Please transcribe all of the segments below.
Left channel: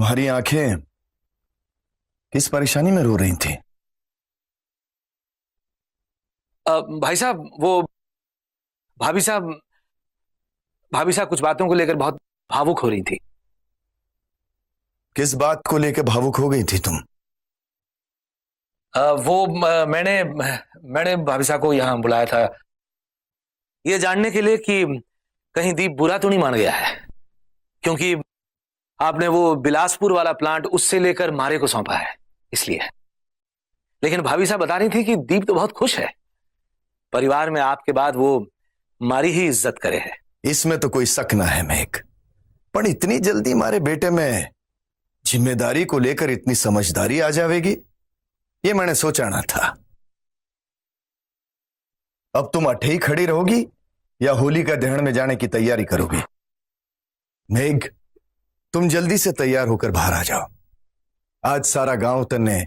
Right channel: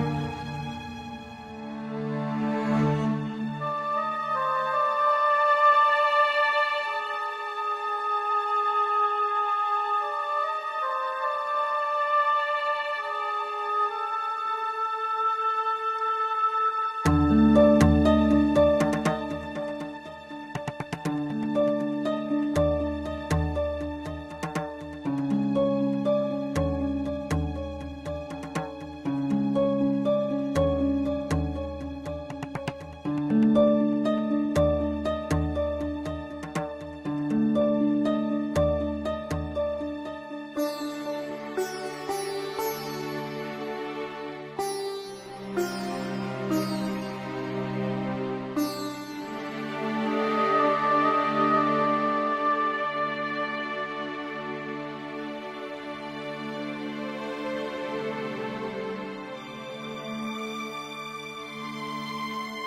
तुम्हारी आंखें इस परेशानी में रो रही थी? भाई साहब, वो भाभी साहब कुछ बातों को लेकर बहुत भावुक हो रही थी। किस बात को लेकर भावुक हो गई थी तुम? मैंने भाभी साहब को यहाँ बुलाया था ये जानने के लिए कि कहीं दीप बुरा तो नहीं मान गया है, क्योंकि आपने वो बिलासपुर वाला प्लांट उससे लेकर मारे को सौंपा है, इसलिए। लेकिन भाभी साहब बता रही थी कि दीप तो बहुत खुश है, परिवार में आपके बाद वो मारी ही इज्जत करे है। इसमें तो कोई शक ना है मेघ, पर इतनी जल्दी हमारे बेटे में जिम्मेदारी को लेकर इतनी समझदारी आ जाएगी, ये मैंने सोचा ना था। अब तुम अठे ही खड़ी रहोगी या होली का दहन में जाने की तैयारी करोगी? मेघ, तुम जल्दी से तैयार होकर बाहर आ जाओ। आज सारा गांव तन्ने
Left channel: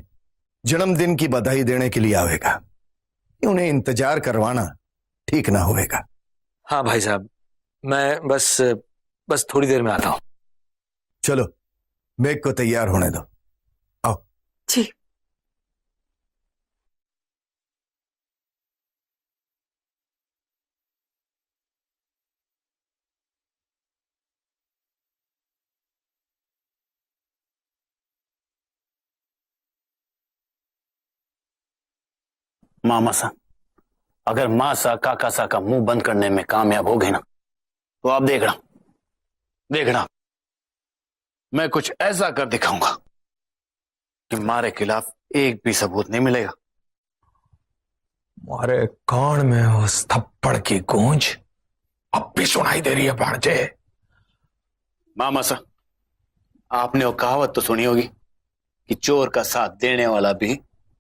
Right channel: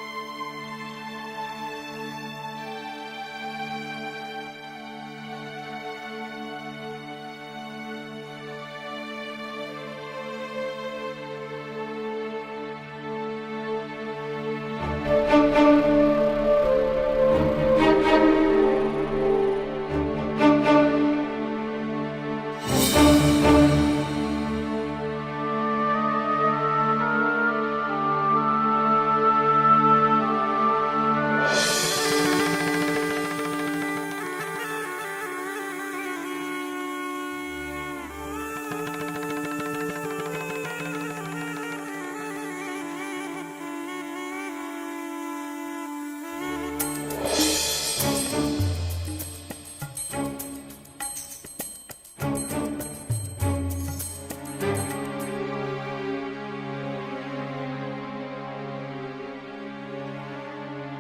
जन्मदिन की बधाई देने के लिए आवेगा, उन्हें इंतजार करवाना ठीक ना होगा। हाँ भाई साहब, मैं बस थोड़ी देर में आता हूं। चलो मेघ को तैयार होने दो, आओ। जी। मामा सा, अगर माँ सा काका सा का मुंह बंद करने में कामयाब हो गए ना, तो आप देखना मैं कुछ ऐसा कर दिखाऊंगा कि हमारे खिलाफ एक भी सबूत नहीं मिलेगा। अरे कान में उस थप्पड़ की गूंज अब भी सुनाई दे रही है भांजे। मामा सा, आपने वो कहावत तो सुनी होगी कि चोर का साथ देने वाला भी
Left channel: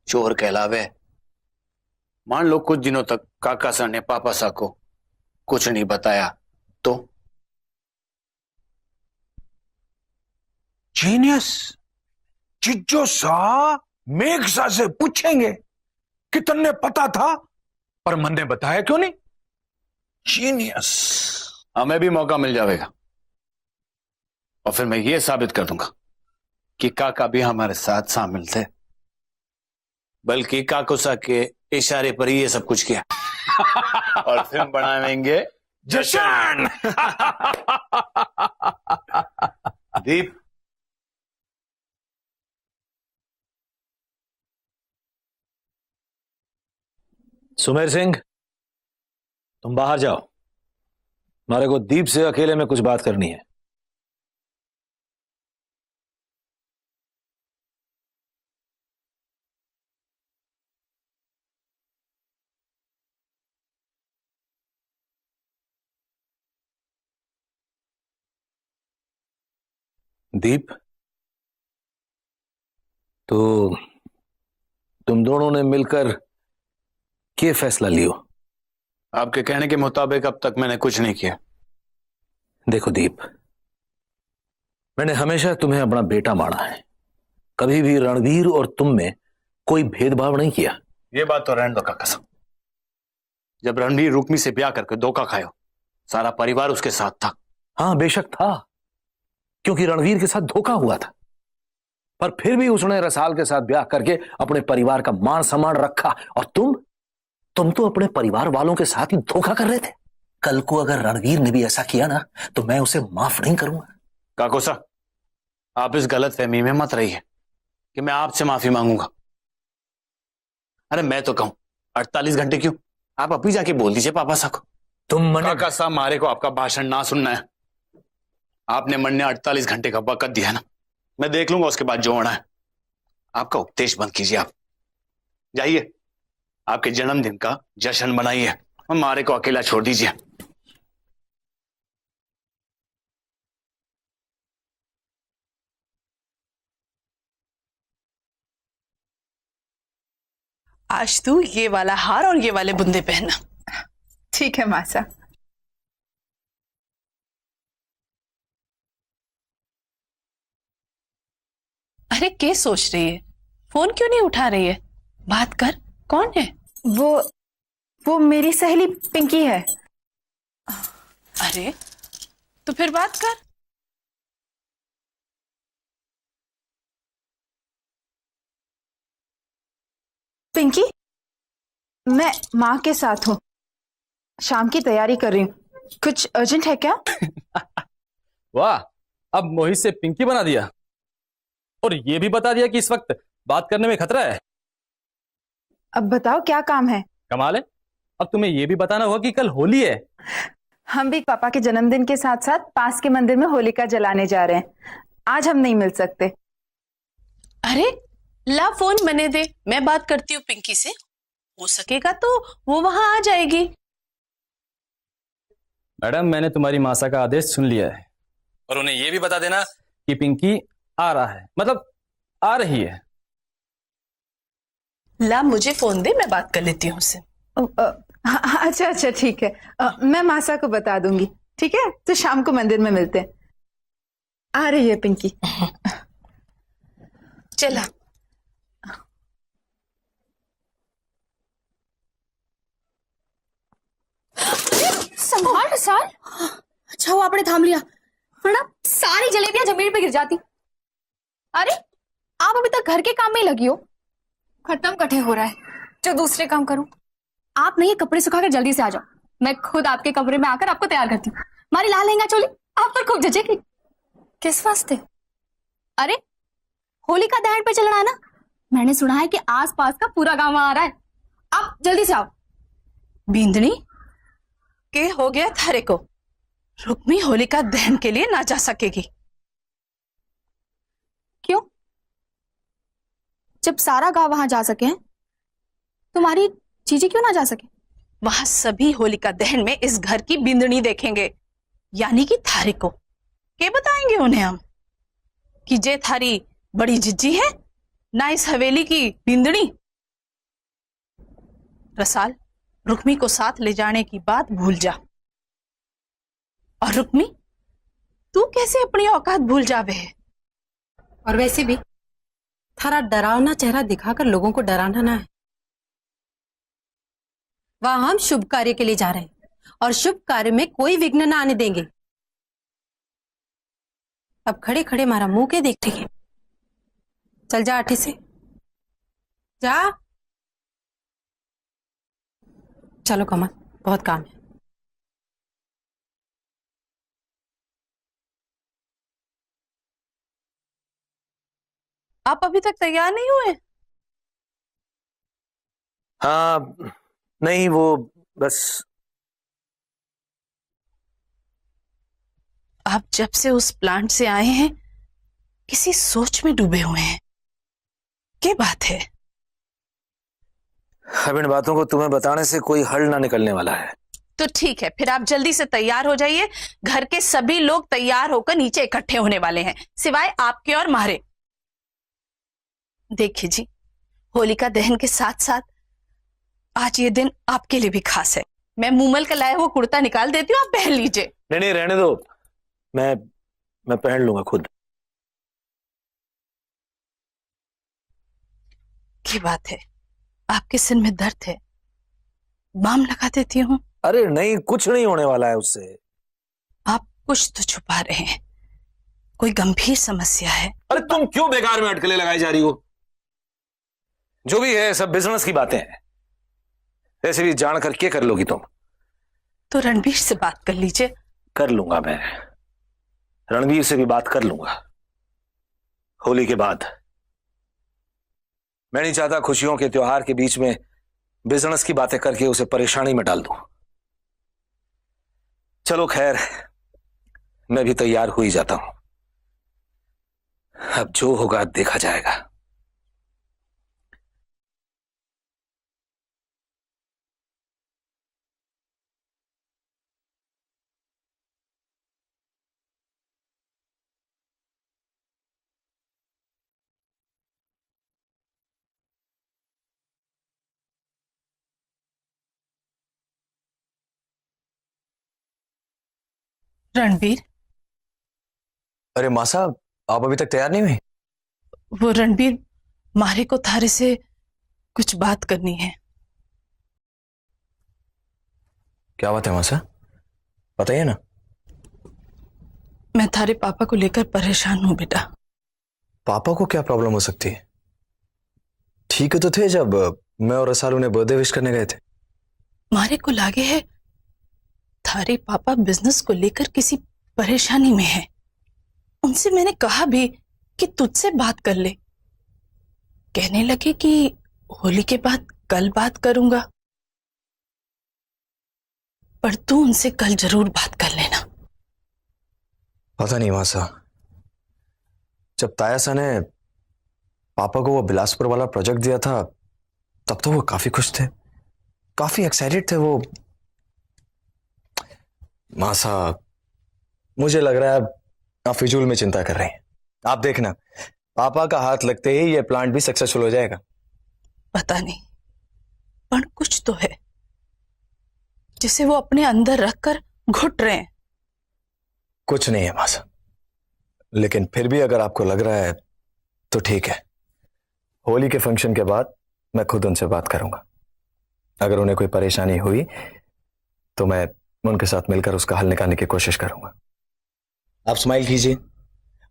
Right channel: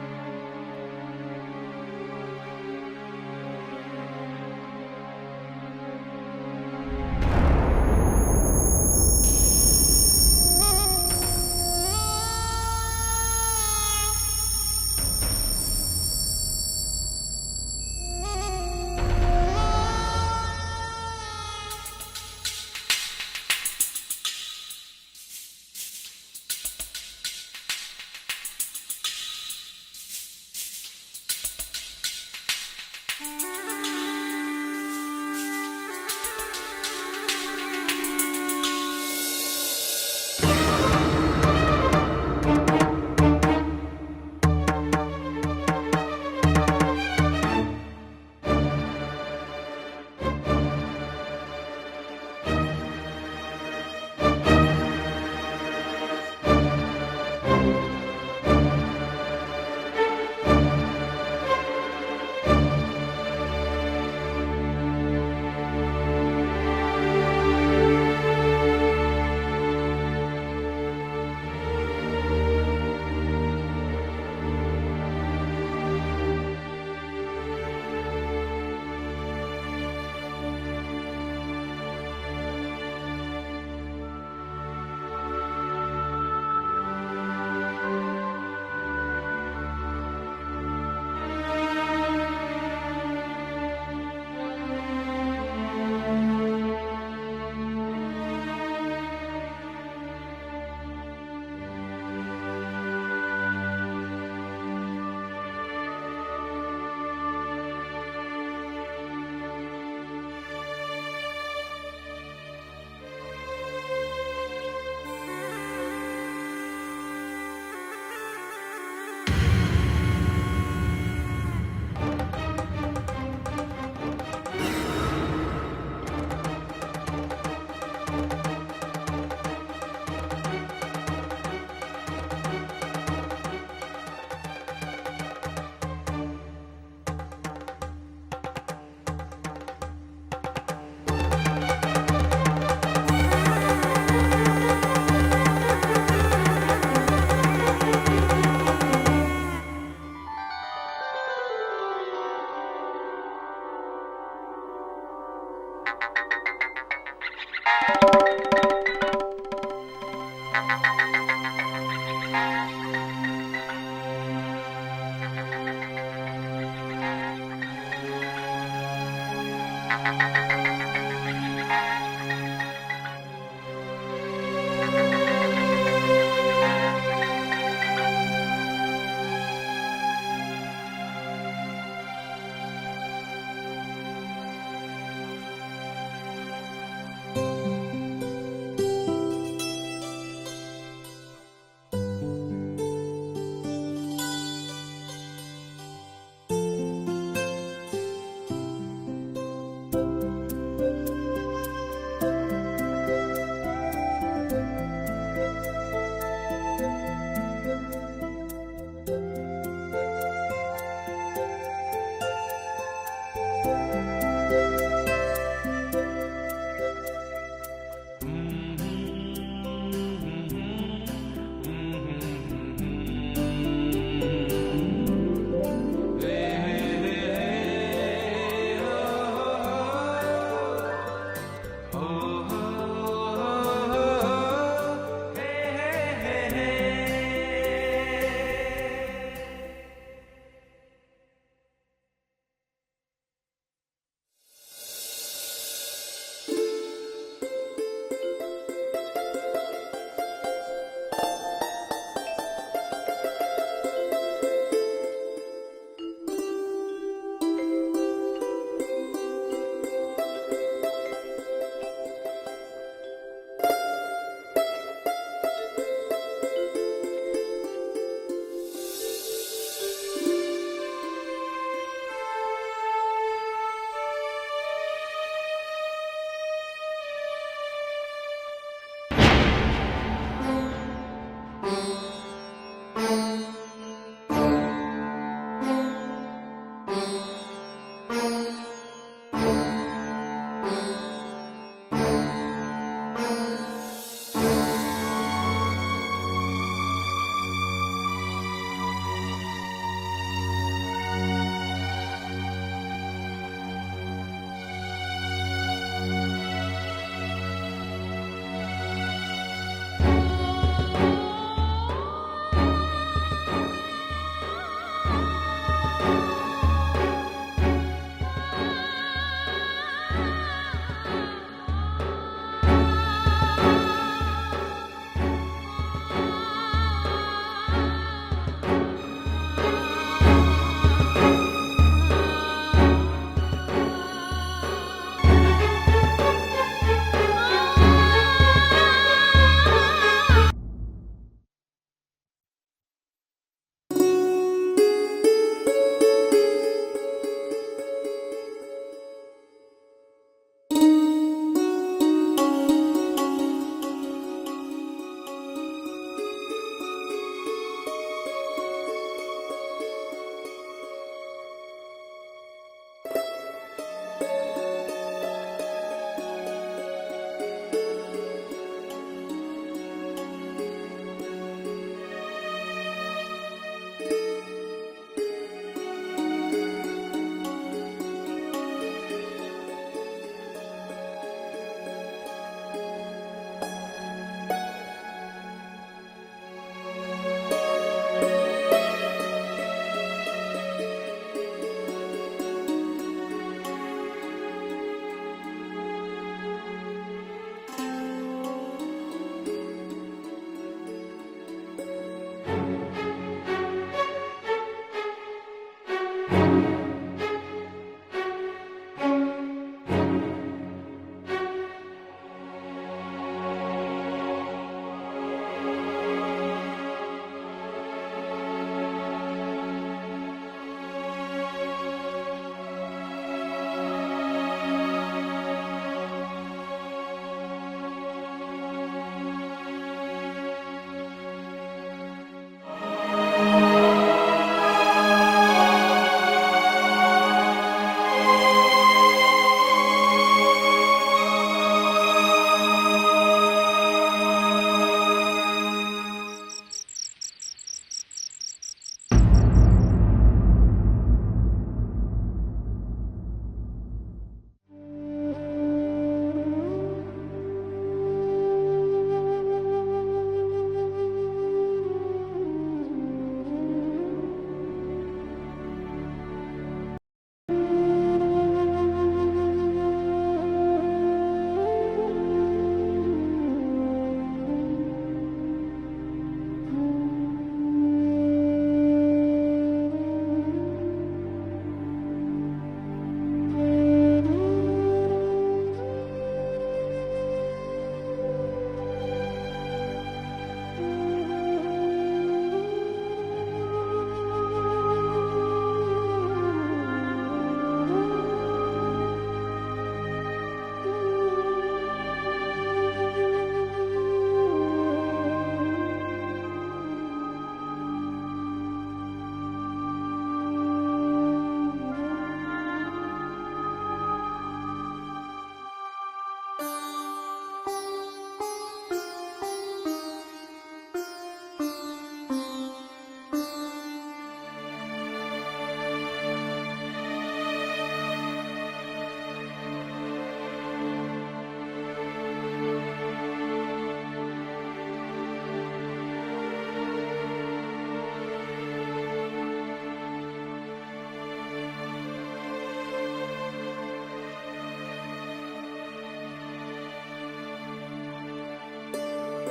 चोर कहलावे। मान लो कुछ दिनों तक काका सा ने पापा सा को कुछ नहीं बताया तो? जीनियस, चिज्जो सा मेघ सा से पूछेंगे कि तन्ने पता था पर मन ने बताया क्यों नहीं? जीनियस। हमें भी मौका मिल जाएगा और फिर मैं ये साबित कर दूंगा कि काका भी हमारे साथ शामिल थे, बल्कि काकुसा के इशारे पर ही ये सब कुछ किया। और फिर बनाएंगे जश्न। दीप, सुमेर सिंह, तुम बाहर जाओ, हमारे को दीप से अकेले में कुछ बात करनी है। दीप, तो तुम दोनों ने मिलकर क्या फैसला लियो? आपके कहने के मुताबिक अब तक मैंने कुछ नहीं किया। देखो दीप, मैंने हमेशा तुम्हें अपना बेटा माना है, कभी भी रणवीर और तुम में कोई भेदभाव नहीं किया। ये बात तो रहने दो काका साहब, जब रणवीर रुक्मी से ब्याह करके धोखा खाया, सारा परिवार उसके साथ था। हाँ बेशक था, क्योंकि रणवीर के साथ धोखा हुआ था, पर फिर भी उसने रसाल के साथ ब्याह करके अपने परिवार का मान सम्मान रखा। और तुम तो अपने परिवार वालों के साथ ही धोखा कर रहे थे। कल को अगर रणवीर ने भी ऐसा किया ना, तो मैं उसे माफ नहीं करूंगा। काकोसा, आप इस गलत फहमी में मत रहिए कि मैं आपसे माफी मांगूंगा। अरे मैं तो कहूं 48 घंटे क्यों, आप अभी जाके बोल दीजिए पापा साहब को। तुम काका साहब, मारे को आपका भाषण ना सुनना है। आपने मन ने 48 घंटे का वक्त दिया है ना, मैं देख लूंगा उसके बाद जो होना है। आपका उपदेश बंद कीजिए, आप जाइए, आपके जन्मदिन का जश्न मनाइए और मारे को अकेला छोड़ दीजिए। आज तू ये वाला हार और ये वाले बुंदे पहनना। ठीक है मासा। अरे क्या सोच रही है? फोन क्यों नहीं उठा रही है? बात कर, कौन है? वो मेरी सहेली पिंकी है। अरे तो फिर बात कर। पिंकी, मैं माँ के साथ हूँ, शाम की तैयारी कर रही हूँ। कुछ अर्जेंट है क्या? वाह, अब मोहित से पिंकी बना दिया और ये भी बता दिया कि इस वक्त बात करने में खतरा है। अब बताओ क्या काम है? कमाल है, अब तुम्हें ये भी बताना होगा कि कल होली है। हम भी पापा के जन्मदिन के साथ साथ पास के मंदिर में होलिका जलाने जा रहे हैं। आज हम नहीं मिल सकते। अरे ला फोन मने दे, मैं बात करती हूँ पिंकी से, हो सकेगा तो वो वहां आ जाएगी। मैडम, मैंने तुम्हारी मासा का आदेश सुन लिया है और उन्हें ये भी बता देना कि पिंकी आ रहा है, मतलब आ रही है। ला मुझे फोन दे, मैं बात कर लेती हूँ उससे। अच्छा अच्छा ठीक है, मैं मासा को बता दूंगी। ठीक है, तो शाम को मंदिर में मिलते हैं। आ रही है पिंकी। चला। संभाल प्रसाद। अच्छा वो आपने थाम लिया, वरना सारी जलेबियां जमीन पे गिर जाती। अरे आप अभी तक घर के काम में ही लगी हो, खत्म कटे हो रहा है, जो दूसरे काम करूं। आप नहीं, ये कपड़े सुखाकर जल्दी से आ जाओ, मैं खुद आपके कमरे में आकर आपको तैयार करती हूँ। हमारी लाल लहंगा चोली आप पर खूब जचेगी। किस वास्ते? अरे होलिका दहन पे चलना है ना, मैंने सुना है कि आसपास का पूरा गांव आ रहा है, आप जल्दी से आओ। बींदनी के हो गया थारे को, रुक्मी होलिका दहन के लिए ना जा सकेगी। क्यों? जब सारा गांव वहां जा सके हैं, तुम्हारी जीजी क्यों ना जा सके? वहां सभी होलिका दहन में इस घर की बिंदनी देखेंगे, यानी कि थारे को। के बताएंगे उन्हें हम कि जे थारी बड़ी जिज्जी है ना इस हवेली की बिंदनी। रसाल, रुक्मी को साथ ले जाने की बात भूल जा। और रुक्मी, तू कैसे अपनी औकात भूल जावे? और वैसे भी थारा डरावना चेहरा दिखाकर लोगों को डराना ना है। वहां हम शुभ कार्य के लिए जा रहे हैं और शुभ कार्य में कोई विघ्न ना आने देंगे। अब खड़े खड़े मारा मुंह के देखते हैं। चल जा आठी से जा। चलो कमल, बहुत काम। आप अभी तक तैयार नहीं हुए? हाँ, नहीं वो बस। आप जब से उस प्लांट से आए हैं किसी सोच में डूबे हुए हैं। क्या बात है? अब इन बातों को तुम्हें बताने से कोई हल ना निकलने वाला है। तो ठीक है, फिर आप जल्दी से तैयार हो जाइए। घर के सभी लोग तैयार होकर नीचे इकट्ठे होने वाले हैं, सिवाय आपके और मारे। देखिए जी, होलिका दहन के साथ साथ आज ये दिन आपके लिए भी खास है। मैं मूमल का लाया हुआ कुर्ता निकाल देती हूँ, आप पहन लीजिए। नहीं नहीं, रहने दो, मैं पहन लूंगा खुद। की बात है, आपके सिर में दर्द है, बाम लगा देती हूँ। अरे नहीं, कुछ नहीं होने वाला है उससे। आप कुछ तो छुपा रहे हैं, कोई गंभीर समस्या है। अरे तुम क्यों बेकार में अटकलें लगाई जा रही हो? जो भी है सब बिजनेस की बातें हैं। ऐसे भी जान कर क्या कर लोगी तुम? तो रणवीर से बात कर लीजिए। कर लूंगा मैं, रणवीर से भी बात कर लूंगा होली के बाद। मैं नहीं चाहता खुशियों के त्योहार के बीच में बिजनेस की बातें करके उसे परेशानी में डाल दूं। चलो खैर, मैं भी तैयार हो ही जाता हूं। अब जो होगा देखा जाएगा। रणवीर, अरे माँ साहब, आप अभी तक तैयार नहीं हुई? वो रणवीर, मारे को थारे से कुछ बात करनी है। क्या बात है माँ साहब, बताइए ना। मैं थारे पापा को लेकर परेशान हूँ बेटा। पापा को क्या प्रॉब्लम हो सकती है? ठीक है तो थे जब मैं और रसाल उन्हें बर्थडे विश करने गए थे। मारे को लागे है थारे पापा बिजनेस को लेकर किसी परेशानी में है। उनसे मैंने कहा भी कि तुझसे बात कर ले। कहने लगे कि होली के बाद कल बात करूंगा, पर तू उनसे कल जरूर बात कर लेना। पता नहीं मासा, जब तायासा ने पापा को वो बिलासपुर वाला प्रोजेक्ट दिया था तब तो वो काफी खुश थे, काफी एक्साइटेड थे वो। मासा, मुझे लग रहा है आप फिजूल में चिंता कर रहे हैं। आप देखना, पापा का हाथ लगते ही ये प्लांट भी सक्सेसफुल हो जाएगा। पता नहीं, पर कुछ तो है जिसे वो अपने अंदर रखकर घुट रहे हैं। कुछ नहीं है मासा, लेकिन फिर भी अगर आपको लग रहा है तो ठीक है। होली के फंक्शन के बाद मैं खुद उनसे बात करूंगा। अगर उन्हें कोई परेशानी हुई तो मैं उनके साथ मिलकर उसका हल निकालने की कोशिश करूंगा। आप स्माइल कीजिए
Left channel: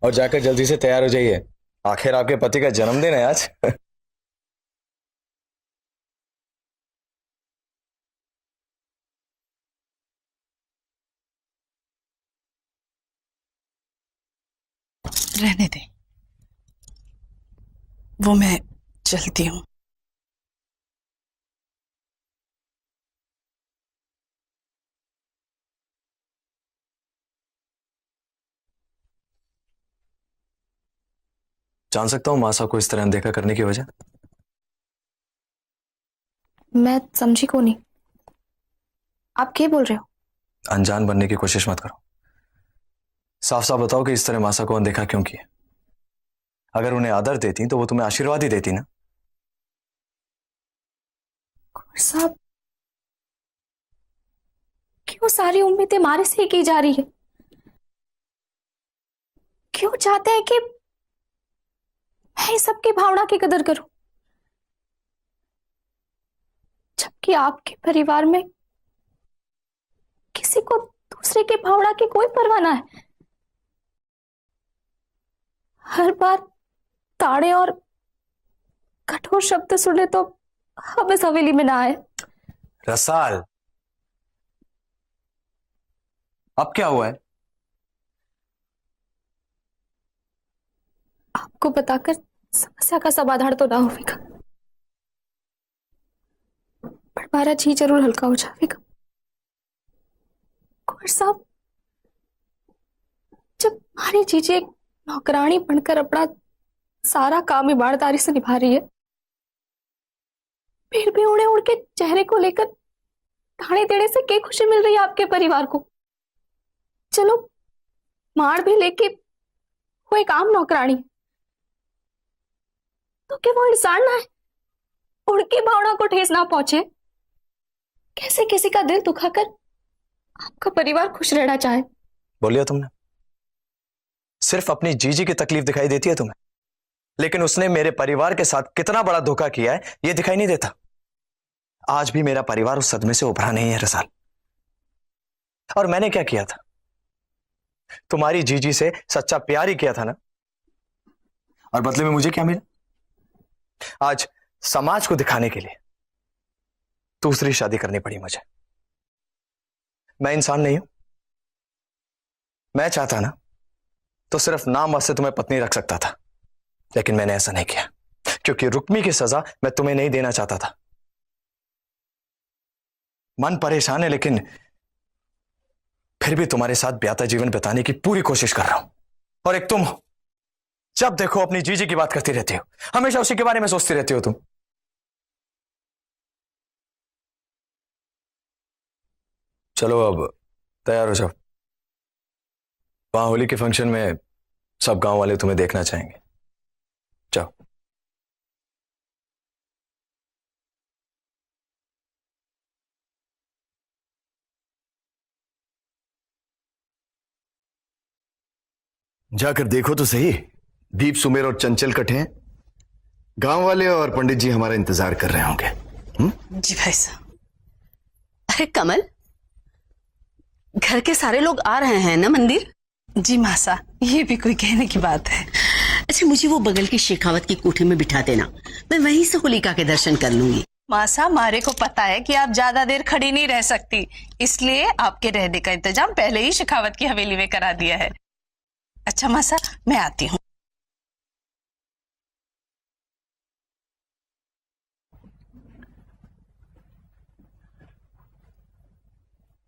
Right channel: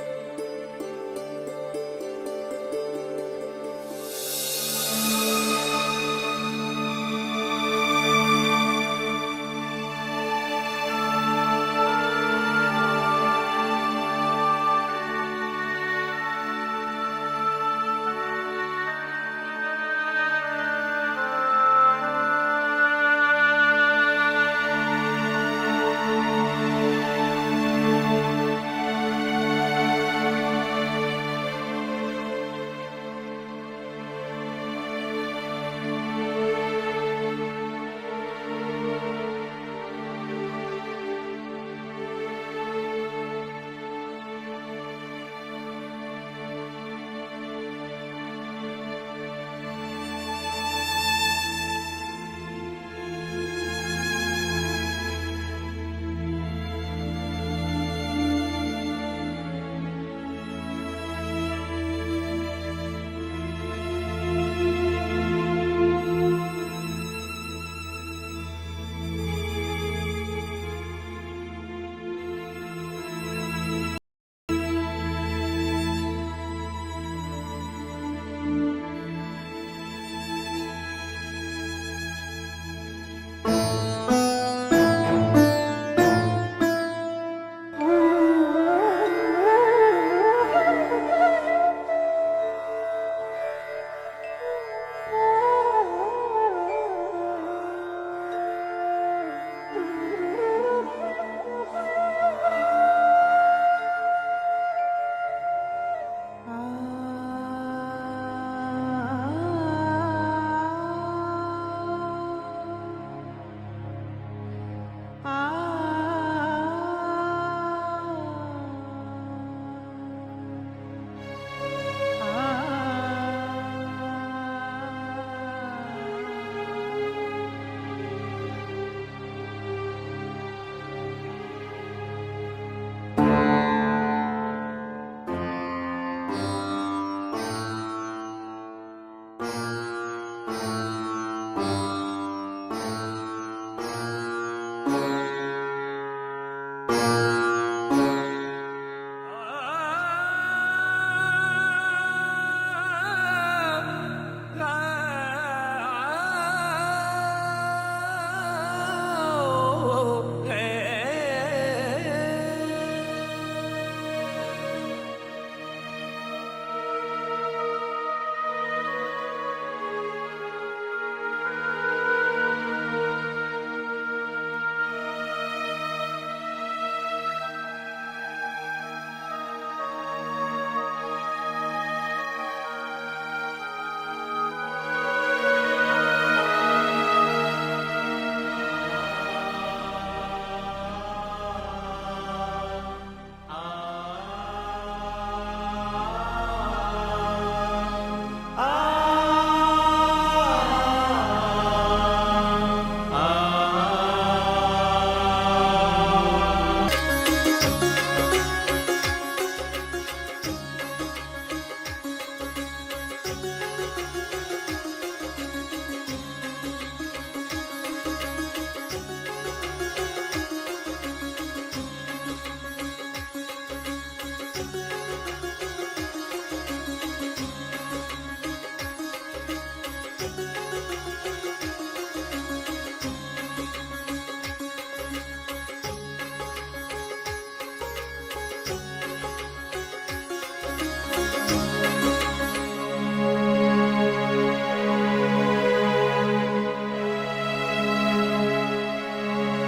और जाकर जल्दी से तैयार हो जाइए, आखिर आपके पति का जन्मदिन है आज। रहने दे, वो मैं चलती हूँ। जान सकता हूँ मासा को इस तरह अनदेखा करने की वजह? मैं समझी को नहीं, आप क्या बोल रहे हो? अनजान बनने की कोशिश मत करो, साफ साफ बताओ कि इस तरह मासा को अनदेखा क्यों किया। अगर उन्हें आदर देती तो वो तुम्हें आशीर्वाद ही देती ना। साहब, क्यों सारी उम्मीदें हमारे से ही की जा रही है? क्यों चाहते हैं कि मैं सबकी भावना की कदर करूं, जबकि आपके परिवार में किसी को दूसरे की भावना की कोई परवाह ना है। हर बार ताड़े और कठोर शब्द सुने तो हम इस हवेली में ना आए। रसाल, अब क्या हुआ है? आपको बताकर समस्या का समाधान तो ना होगा, पर हमारा जी जरूर हल्का हो जाएगा। कुंवर साहब, जब हमारी जीजी एक नौकरानी बनकर अपना सारा काम ईमानदारी से निभा रही है, फिर भी उड़े उड़ के चेहरे को लेकर ताने देने से क्या खुशी मिल रही है आपके परिवार को? चलो मार भी लेके वो एक आम नौकरानी, तो क्या वो इंसान ना है? उनकी भावना को ठेस ना पहुंचे, कैसे किसी का दिल दुखाकर आपका परिवार खुश रहना चाहे? बोलिए तुमने, सिर्फ अपनी जीजी की तकलीफ दिखाई देती है तुम्हें, लेकिन उसने मेरे परिवार के साथ कितना बड़ा धोखा किया है ये दिखाई नहीं देता। आज भी मेरा परिवार उस सदमे से उभरा नहीं है रसाल। और मैंने क्या किया था? तुम्हारी जीजी से सच्चा प्यार ही किया था ना, और बदले में मुझे क्या मिला? आज समाज को दिखाने के लिए दूसरी शादी करनी पड़ी मुझे। मैं इंसान नहीं, मैं चाहता ना तो सिर्फ नाम वास्ते तुम्हें पत्नी रख सकता था, लेकिन मैंने ऐसा नहीं किया, क्योंकि रुक्मी की सजा मैं तुम्हें नहीं देना चाहता था। मन परेशान है, लेकिन फिर भी तुम्हारे साथ ब्याहता जीवन बिताने की पूरी कोशिश कर रहा हूं। और एक तुम, जब देखो अपनी जीजी की बात करती रहती हो, हमेशा उसी के बारे में सोचती रहती हो तुम। चलो अब तैयार हो जाओ, वहां होली के फंक्शन में सब गांव वाले तुम्हें देखना चाहेंगे। चलो। जाकर देखो तो सही, दीप, सुमेर और चंचल कटे हैं। गांव वाले और पंडित जी हमारा इंतजार कर रहे होंगे। जी भाई साहब। अरे कमल, घर के सारे लोग आ रहे हैं ना मंदिर? जी मासा, ये भी कोई कहने की बात है। अच्छा, मुझे वो बगल की शेखावत की कोठे में बिठा देना, मैं वहीं से होलिका के दर्शन कर लूंगी। मासा, मारे को पता है कि आप ज्यादा देर खड़ी नहीं रह सकती, इसलिए आपके रहने का इंतजाम पहले ही शेखावत की हवेली में करा दिया है। अच्छा मासा, मैं आती हूँ।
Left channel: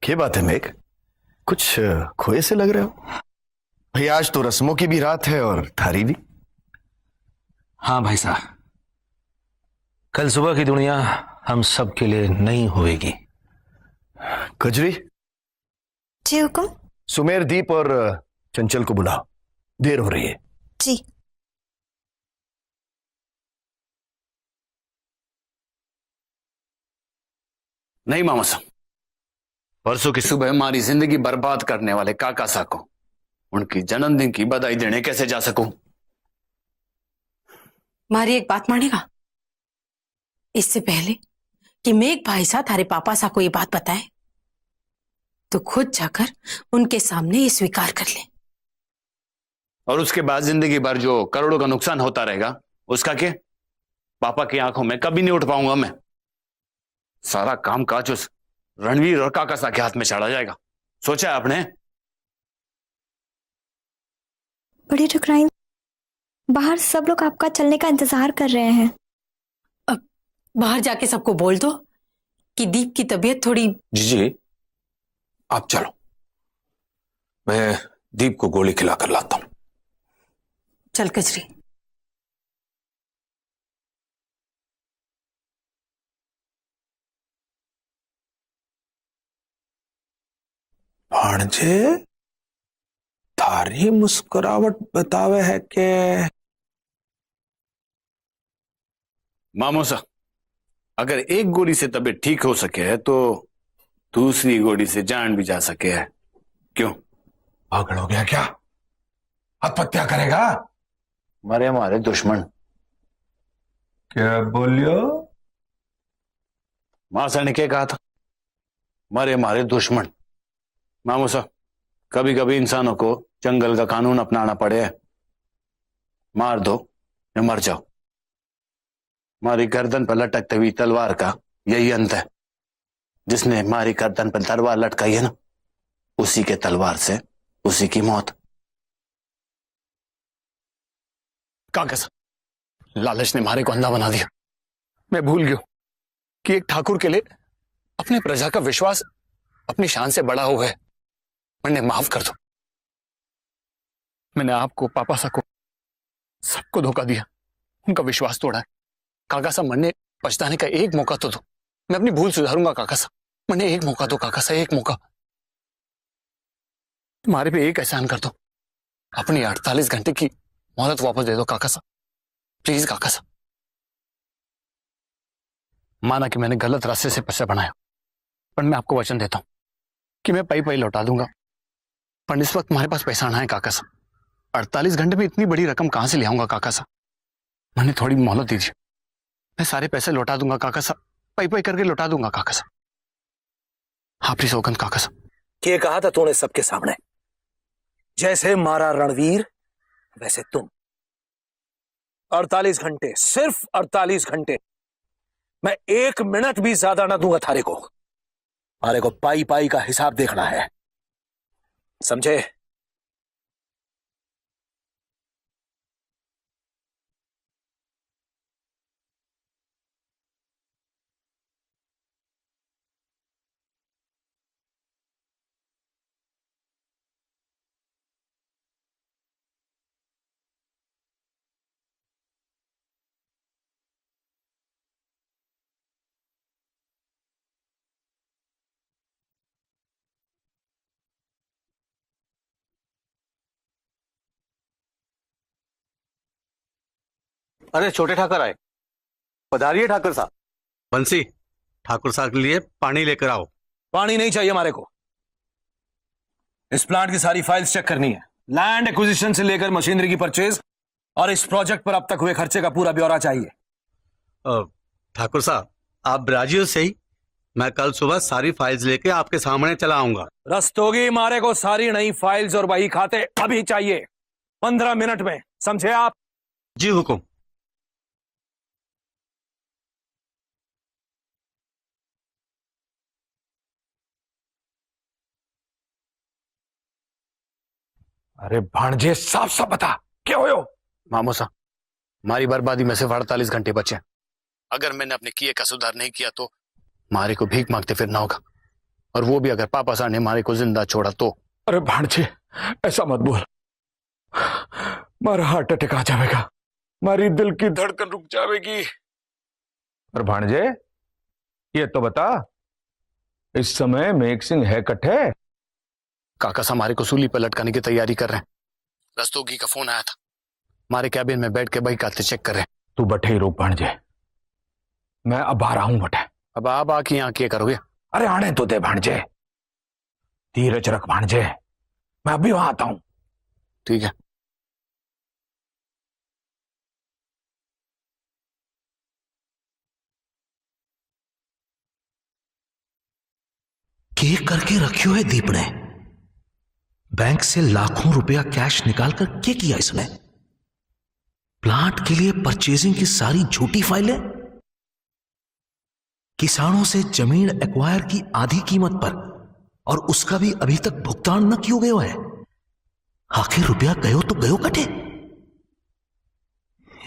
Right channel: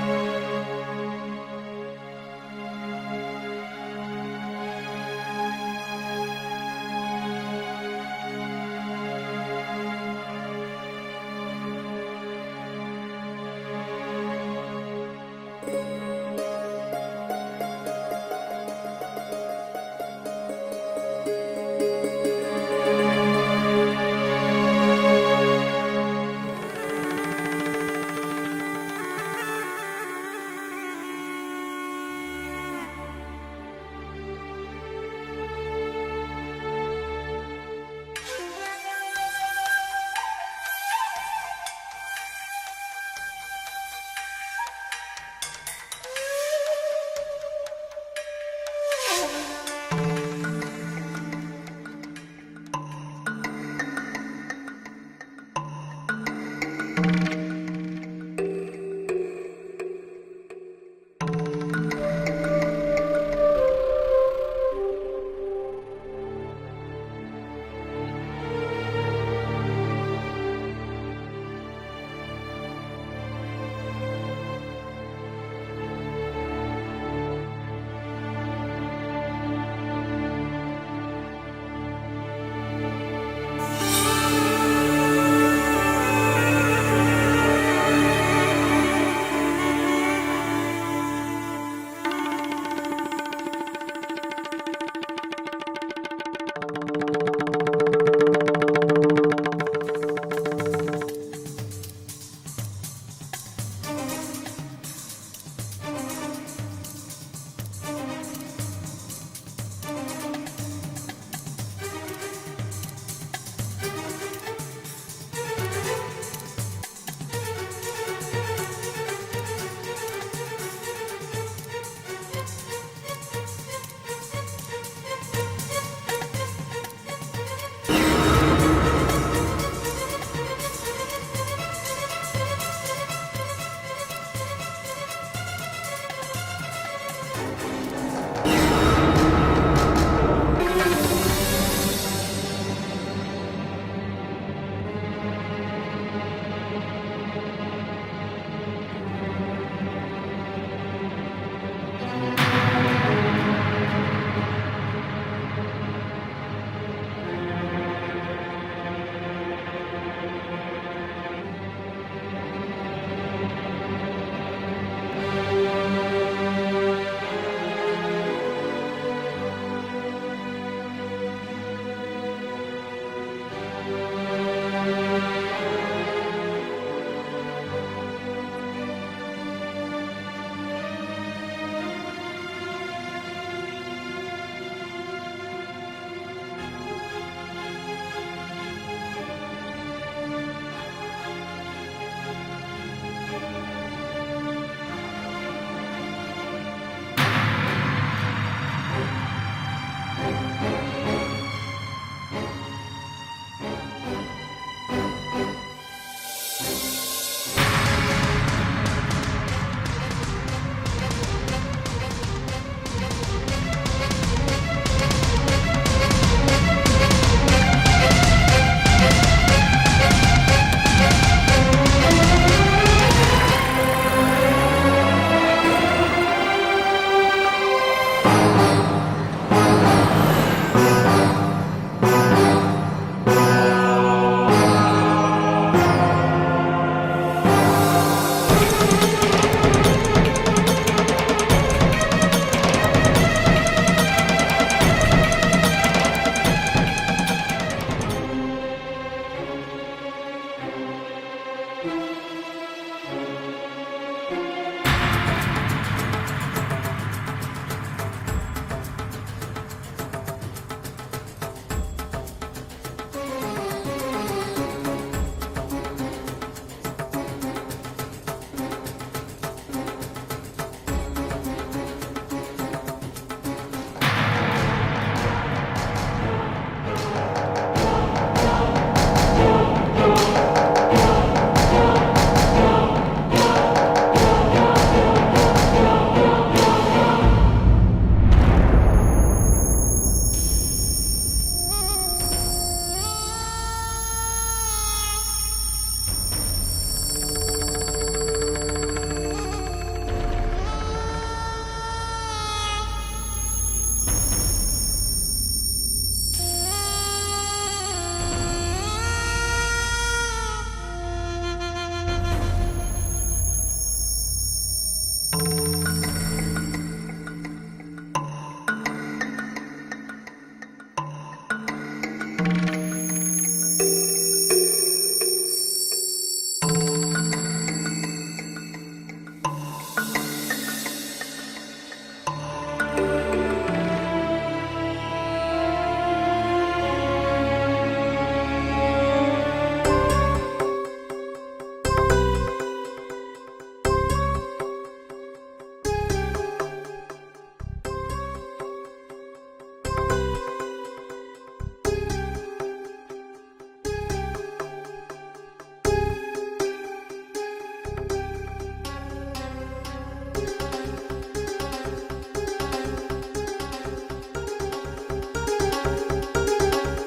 क्या बात है मेघ, कुछ खोए से लग रहे हो? भाई आज तो रस्मों की भी रात है और थारी भी। हाँ भाई साहब, कल सुबह की दुनिया हम सब के लिए नई होएगी। कजरी, जी हुक्म। सुमेर, दीप और चंचल को बुलाओ, देर हो रही है। जी। नहीं मामा साहब, परसों की सुबह हमारी जिंदगी बर्बाद करने वाले काका सा को उनकी जन्मदिन की बधाई देने कैसे जा सकूं? मारी एक बात मानेगा, इससे पहले कि मेघ भाई साहब थारे पापा सा को ये बात बताए तो खुद जाकर उनके सामने ये स्वीकार कर ले। और उसके बाद जिंदगी भर जो करोड़ों का नुकसान होता रहेगा उसका क्या? पापा की आंखों में कभी नहीं उठ पाऊंगा मैं। सारा काम काज उस रणवीर और काका सा के हाथ में चढ़ा जाएगा। सोचा है आपने? बड़ी ठुकराइन, बाहर सब लोग आपका चलने का इंतजार कर रहे हैं। अब बाहर जाके सबको बोल दो कि दीप की तबीयत थोड़ी। जी, आप चलो, मैं दीप को गोली खिला कर लाता हूं। चल कजरी। भाणजे, थारी मुस्कुरावट बतावे है के मामो सा, अगर एक गोली से तबीयत ठीक हो सके है तो दूसरी गोली से जान भी जा सके है। क्यों? पागल हो गया क्या? आत्महत्या करेगा? मरे हमारे दुश्मन। क्या बोलियो? मासा ने क्या कहा था? मरे हमारे दुश्मन। मामो सा, कभी कभी इंसानों को जंगल का कानून अपनाना पड़े है। मार दो या मर जाओ। हमारी गर्दन पर लटकती हुई तलवार का यही अंत है। जिसने हमारी गर्दन पर तलवार लटकाई है ना, उसी के तलवार से उसी की मौत। काका साहब, लालच ने हमारे को अंधा बना दिया। मैं भूल गया कि एक ठाकुर के लिए अपने प्रजा का विश्वास अपनी शान से बड़ा हो गए। मैंने माफ कर दो। मैंने आपको, पापा सा को, सबको धोखा दिया, उनका विश्वास तोड़ा है। काका साहब, मैंने पछताने का एक मौका तो दो। मैं अपनी भूल सुधारूंगा काका साहब। मैंने एक मौका दो काका साहब, एक मौका। हमारे पे एक एहसान कर दो, अपनी 48 घंटे की मोहलत वापस दे दो काका साहब, प्लीज काका साहब। माना कि मैंने गलत रास्ते से पर्चा बनाया, पर मैं आपको वचन देता हूं कि मैं पाई लौटा दूंगा। पर इस वक्त हमारे पास पैसा ना है काका साहब। 48 घंटे में इतनी बड़ी रकम कहां से ले आऊंगा काका साहब? मैंने थोड़ी मोहलत दीजिए, मैं सारे पैसे लौटा दूंगा काका साहब, पाई करके लौटा दूंगा काका साहब। आपकी सौगंध काका साहब। ये कहा था तूने सबके सामने, जैसे मारा रणवीर ऐसे तुम। 48 घंटे, सिर्फ 48 घंटे। मैं 1 मिनट भी ज्यादा ना दूंगा थारे को। थारे को पाई का हिसाब देखना है, समझे? अरे छोटे ठाकर आए। पधारिए ठाकुर साहब। बंसी, ठाकुर साहब के लिए पानी लेकर आओ। पानी नहीं चाहिए हमारे को। इस प्लांट की सारी फाइल्स चेक करनी है, लैंड एक्विजिशन से लेकर मशीनरी की परचेज और इस प्रोजेक्ट पर अब तक हुए खर्चे का पूरा ब्यौरा चाहिए। ठाकुर साहब, आप राजी हो? सही, मैं कल सुबह सारी फाइल्स लेके आपके सामने चला आऊंगा। रस्तोगी, मारे को सारी नई फाइल्स और वही खाते अभी चाहिए। 15 मिनट में, समझे आप? जी हुकुम। भाणजे साफ साफ बता क्या हो? मामू साहब, हमारी बर्बादी में सिर्फ 48 घंटे बचे। अगर मैंने अपने किए का सुधार नहीं किया तो मारे को भीख मांगते फिरना होगा, और वो भी अगर पापा साहब ने मारे को जिंदा छोड़ा तो। अरे भाणजे ऐसा मत बोल, मारा हार्ट अटैक आ जाएगा, मारी दिल की धड़कन रुक जाएगी। पर भाणजे ये तो बता, इस समय मेघ सिंह है कट्ठे? काका साहब हमारे को सूली पर लटकाने की तैयारी कर रहे हैं। दस्तोगी का फोन आया था, हमारे कैबिन में बैठ के बही खाते चेक कर रहे हैं। तू बैठे ही रुक भाणजे, मैं अब आ रहा हूं बेटा। अब आप आके यहाँ क्या करोगे? अरे आने तो दे भाणजे, धीरज रख भाणजे, मैं अभी वहां आता हूं। ठीक है। केक करके रखियो है दीप ने, बैंक से लाखों रुपया कैश निकालकर क्या किया इसमें? प्लांट के लिए परचेजिंग की सारी झूठी फाइलें, किसानों से जमीन एक्वायर की आधी कीमत पर, और उसका भी अभी तक भुगतान न किया गया है। आखिर रुपया गयो तो गयो कटे।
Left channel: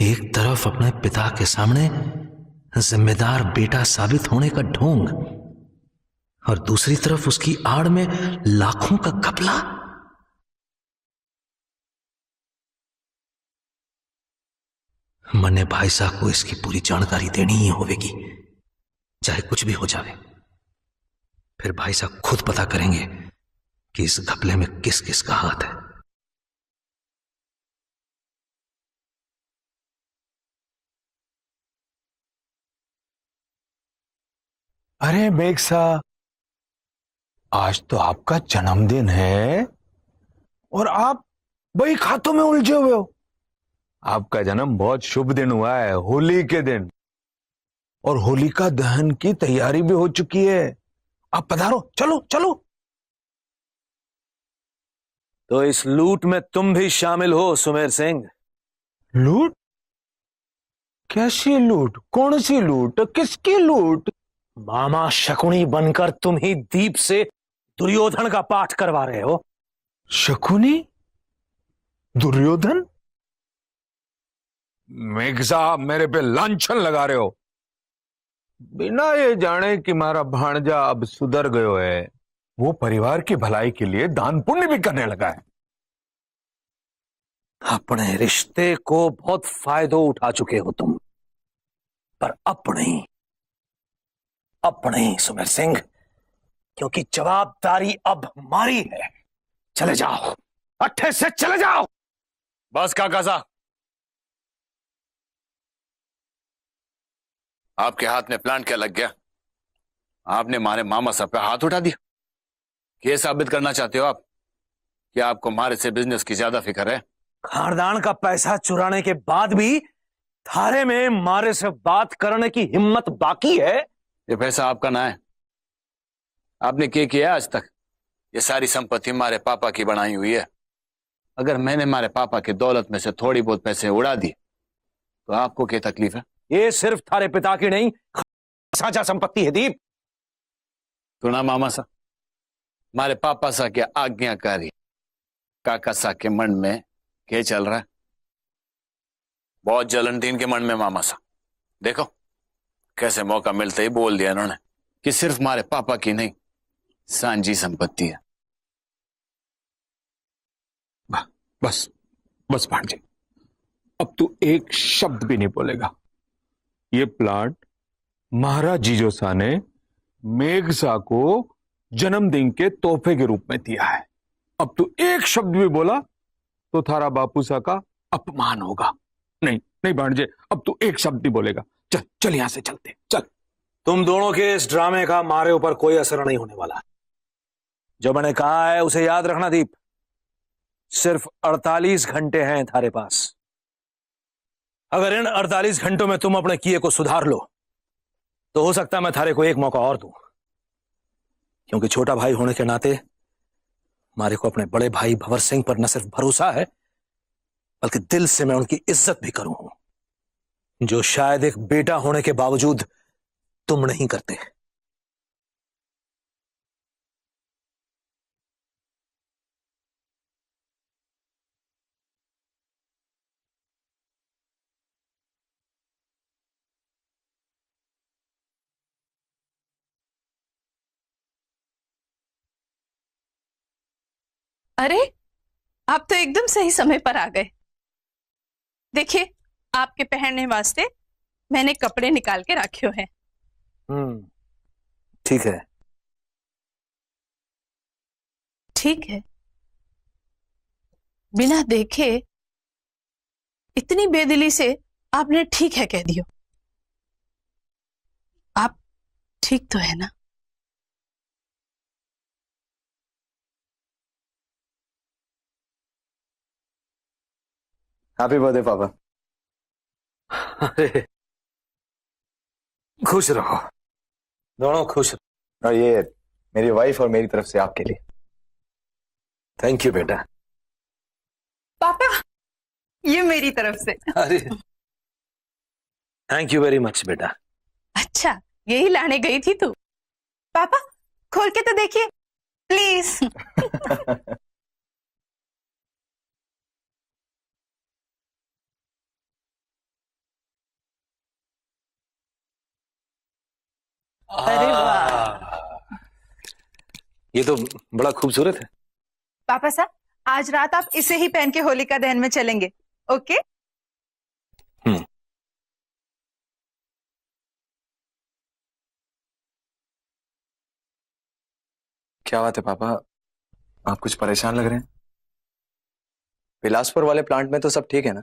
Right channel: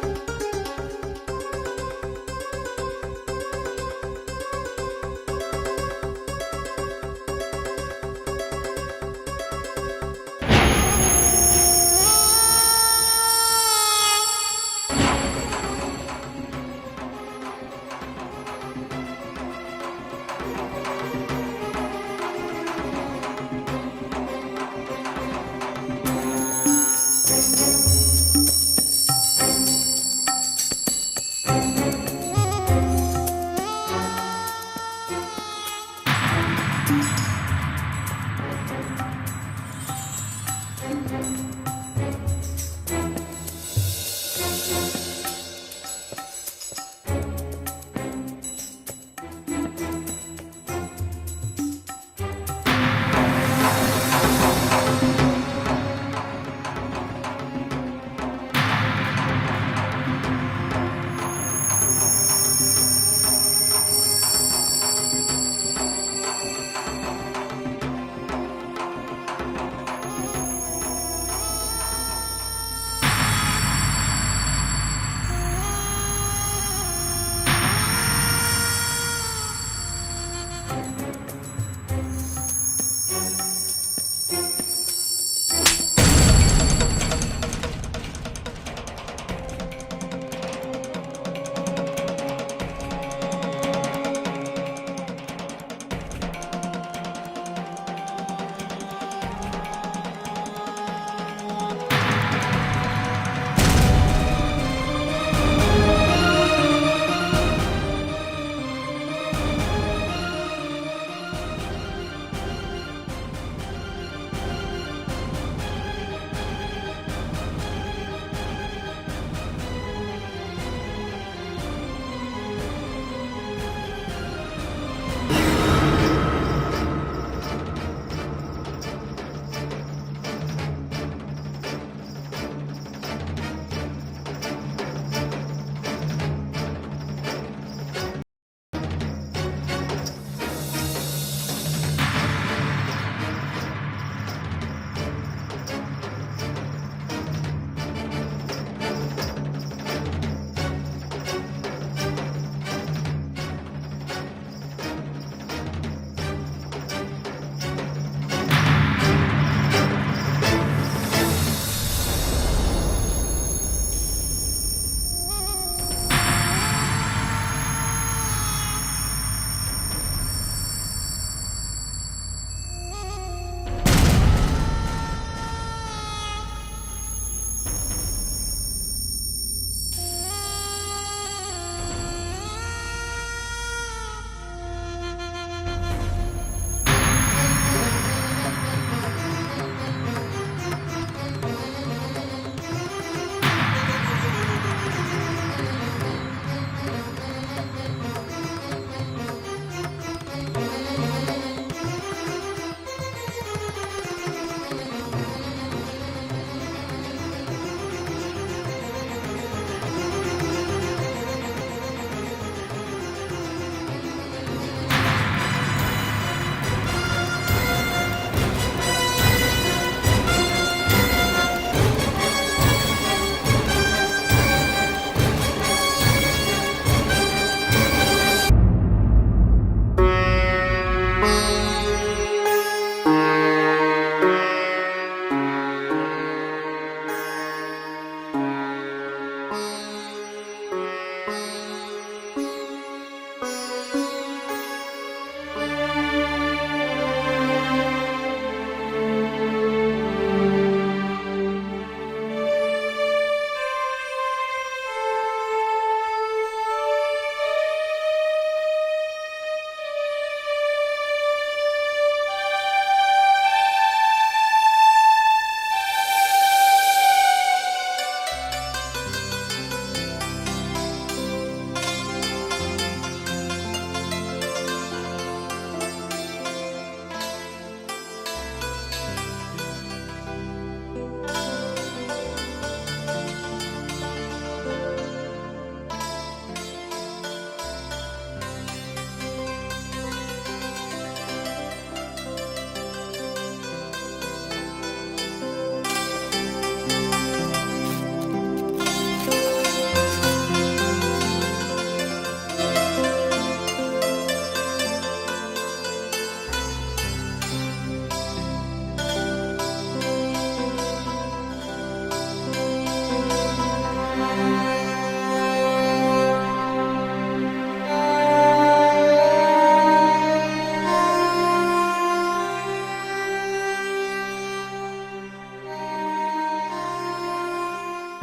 एक तरफ अपने पिता के सामने जिम्मेदार बेटा साबित होने का ढोंग, और दूसरी तरफ उसकी आड़ में लाखों का घपला। मन्ने भाई साहब को इसकी पूरी जानकारी देनी ही होगी, चाहे कुछ भी हो जाए। फिर भाई साहब खुद पता करेंगे कि इस घपले में किस किस का हाथ है। अरे मेघ साहब, आज तो आपका जन्मदिन है और आप वही खातों में उलझे हुए हो। आपका जन्म बहुत शुभ दिन हुआ है, होली के दिन, और होलिका दहन की तैयारी भी हो चुकी है। आप पधारो, चलो चलो। तो इस लूट में तुम भी शामिल हो सुमेर सिंह? लूट? कैसी लूट? कौन सी लूट? किसकी लूट? मामा शकुनी बनकर तुम ही दीप से दुर्योधन का पाठ करवा रहे हो। शकुनी? दुर्योधन? मेघ साहब मेरे पे लांछन लगा रहे हो, बिना ये जाने कि मारा भांजा अब सुधर गयो है। वो परिवार की भलाई के लिए दान पुण्य भी करने लगा है। अपने रिश्ते को बहुत फायदो उठा चुके हो तुम, पर अपने सुमेर सिंह, क्योंकि जवाबदारी अब हमारी है। चले जाओ, अट्ठे से चले जाओ। बस काका साहब, आपके हाथ में प्लांट क्या लग गया? आपने हमारे मामा साहब पे हाथ उठा दिया। ये साबित करना चाहते हो आप कि आपको हमारे से बिजनेस की ज्यादा फिक्र है? खानदान का पैसा चुराने के बाद भी थारे में मारे से बात करने की हिम्मत बाकी है? ये पैसा आपका ना है। आपने क्या किया आज तक? ये सारी संपत्ति हमारे पापा की बनाई हुई है। अगर मैंने हमारे पापा की दौलत में से थोड़ी बहुत पैसे उड़ा दी तो आपको क्या तकलीफ है? ये सिर्फ थारे पिता की नहीं, साझा संपत्ति है दीप। सुना मामा साहब, हमारे पापा साहब के आज्ञाकारी काका साहब के मन में ये चल रहा है। बहुत जलन थी इनके मन में मामा साहब। देखो कैसे मौका मिलते ही बोल दिया इन्होंने कि सिर्फ हमारे पापा की नहीं, सांझी संपत्ति है। बस बस भांजे, अब तू एक शब्द भी नहीं बोलेगा। ये प्लांट महाराज जीजो सा ने मेघ सा को जन्मदिन के तोहफे के रूप में दिया है। अब तू एक शब्द भी बोला तो थारा बापू सा का अपमान होगा। नहीं नहीं भांजे, अब तू एक शब्द ही बोलेगा। चल चल यहां से चलते, चल। तुम दोनों के इस ड्रामे का मारे ऊपर कोई असर नहीं होने वाला। जो मैंने कहा है उसे याद रखना दीप। सिर्फ 48 घंटे हैं थारे पास। अगर इन 48 घंटों में तुम अपने किए को सुधार लो तो हो सकता है मैं थारे को एक मौका और दूं। क्योंकि छोटा भाई होने के नाते हमारे को अपने बड़े भाई भंवर सिंह पर न सिर्फ भरोसा है बल्कि दिल से मैं उनकी इज्जत भी करूं, जो शायद एक बेटा होने के बावजूद तुम नहीं करते। अरे आप तो एकदम सही समय पर आ गए। देखिए, आपके पहनने वास्ते मैंने कपड़े निकाल के रखे हैं। ठीक है। ठीक है, बिना देखे इतनी बेदिली से आपने ठीक है कह दिया। आप ठीक तो है ना? हैप्पी बर्थडे पापा। खुश रहो, खुश रहो। और ये मेरी वाइफ और मेरी तरफ से आपके लिए। थैंक यू बेटा। पापा, ये मेरी तरफ से। अरे थैंक यू वेरी मच बेटा। अच्छा, यही लाने गई थी तू? पापा, खोल के तो देखिए प्लीज। ये तो बड़ा खूबसूरत है। पापा साहब, आज रात आप इसे ही पहन के होलिका दहन में चलेंगे, ओके? क्या बात है पापा, आप कुछ परेशान लग रहे हैं? बिलासपुर वाले प्लांट में तो सब ठीक है ना?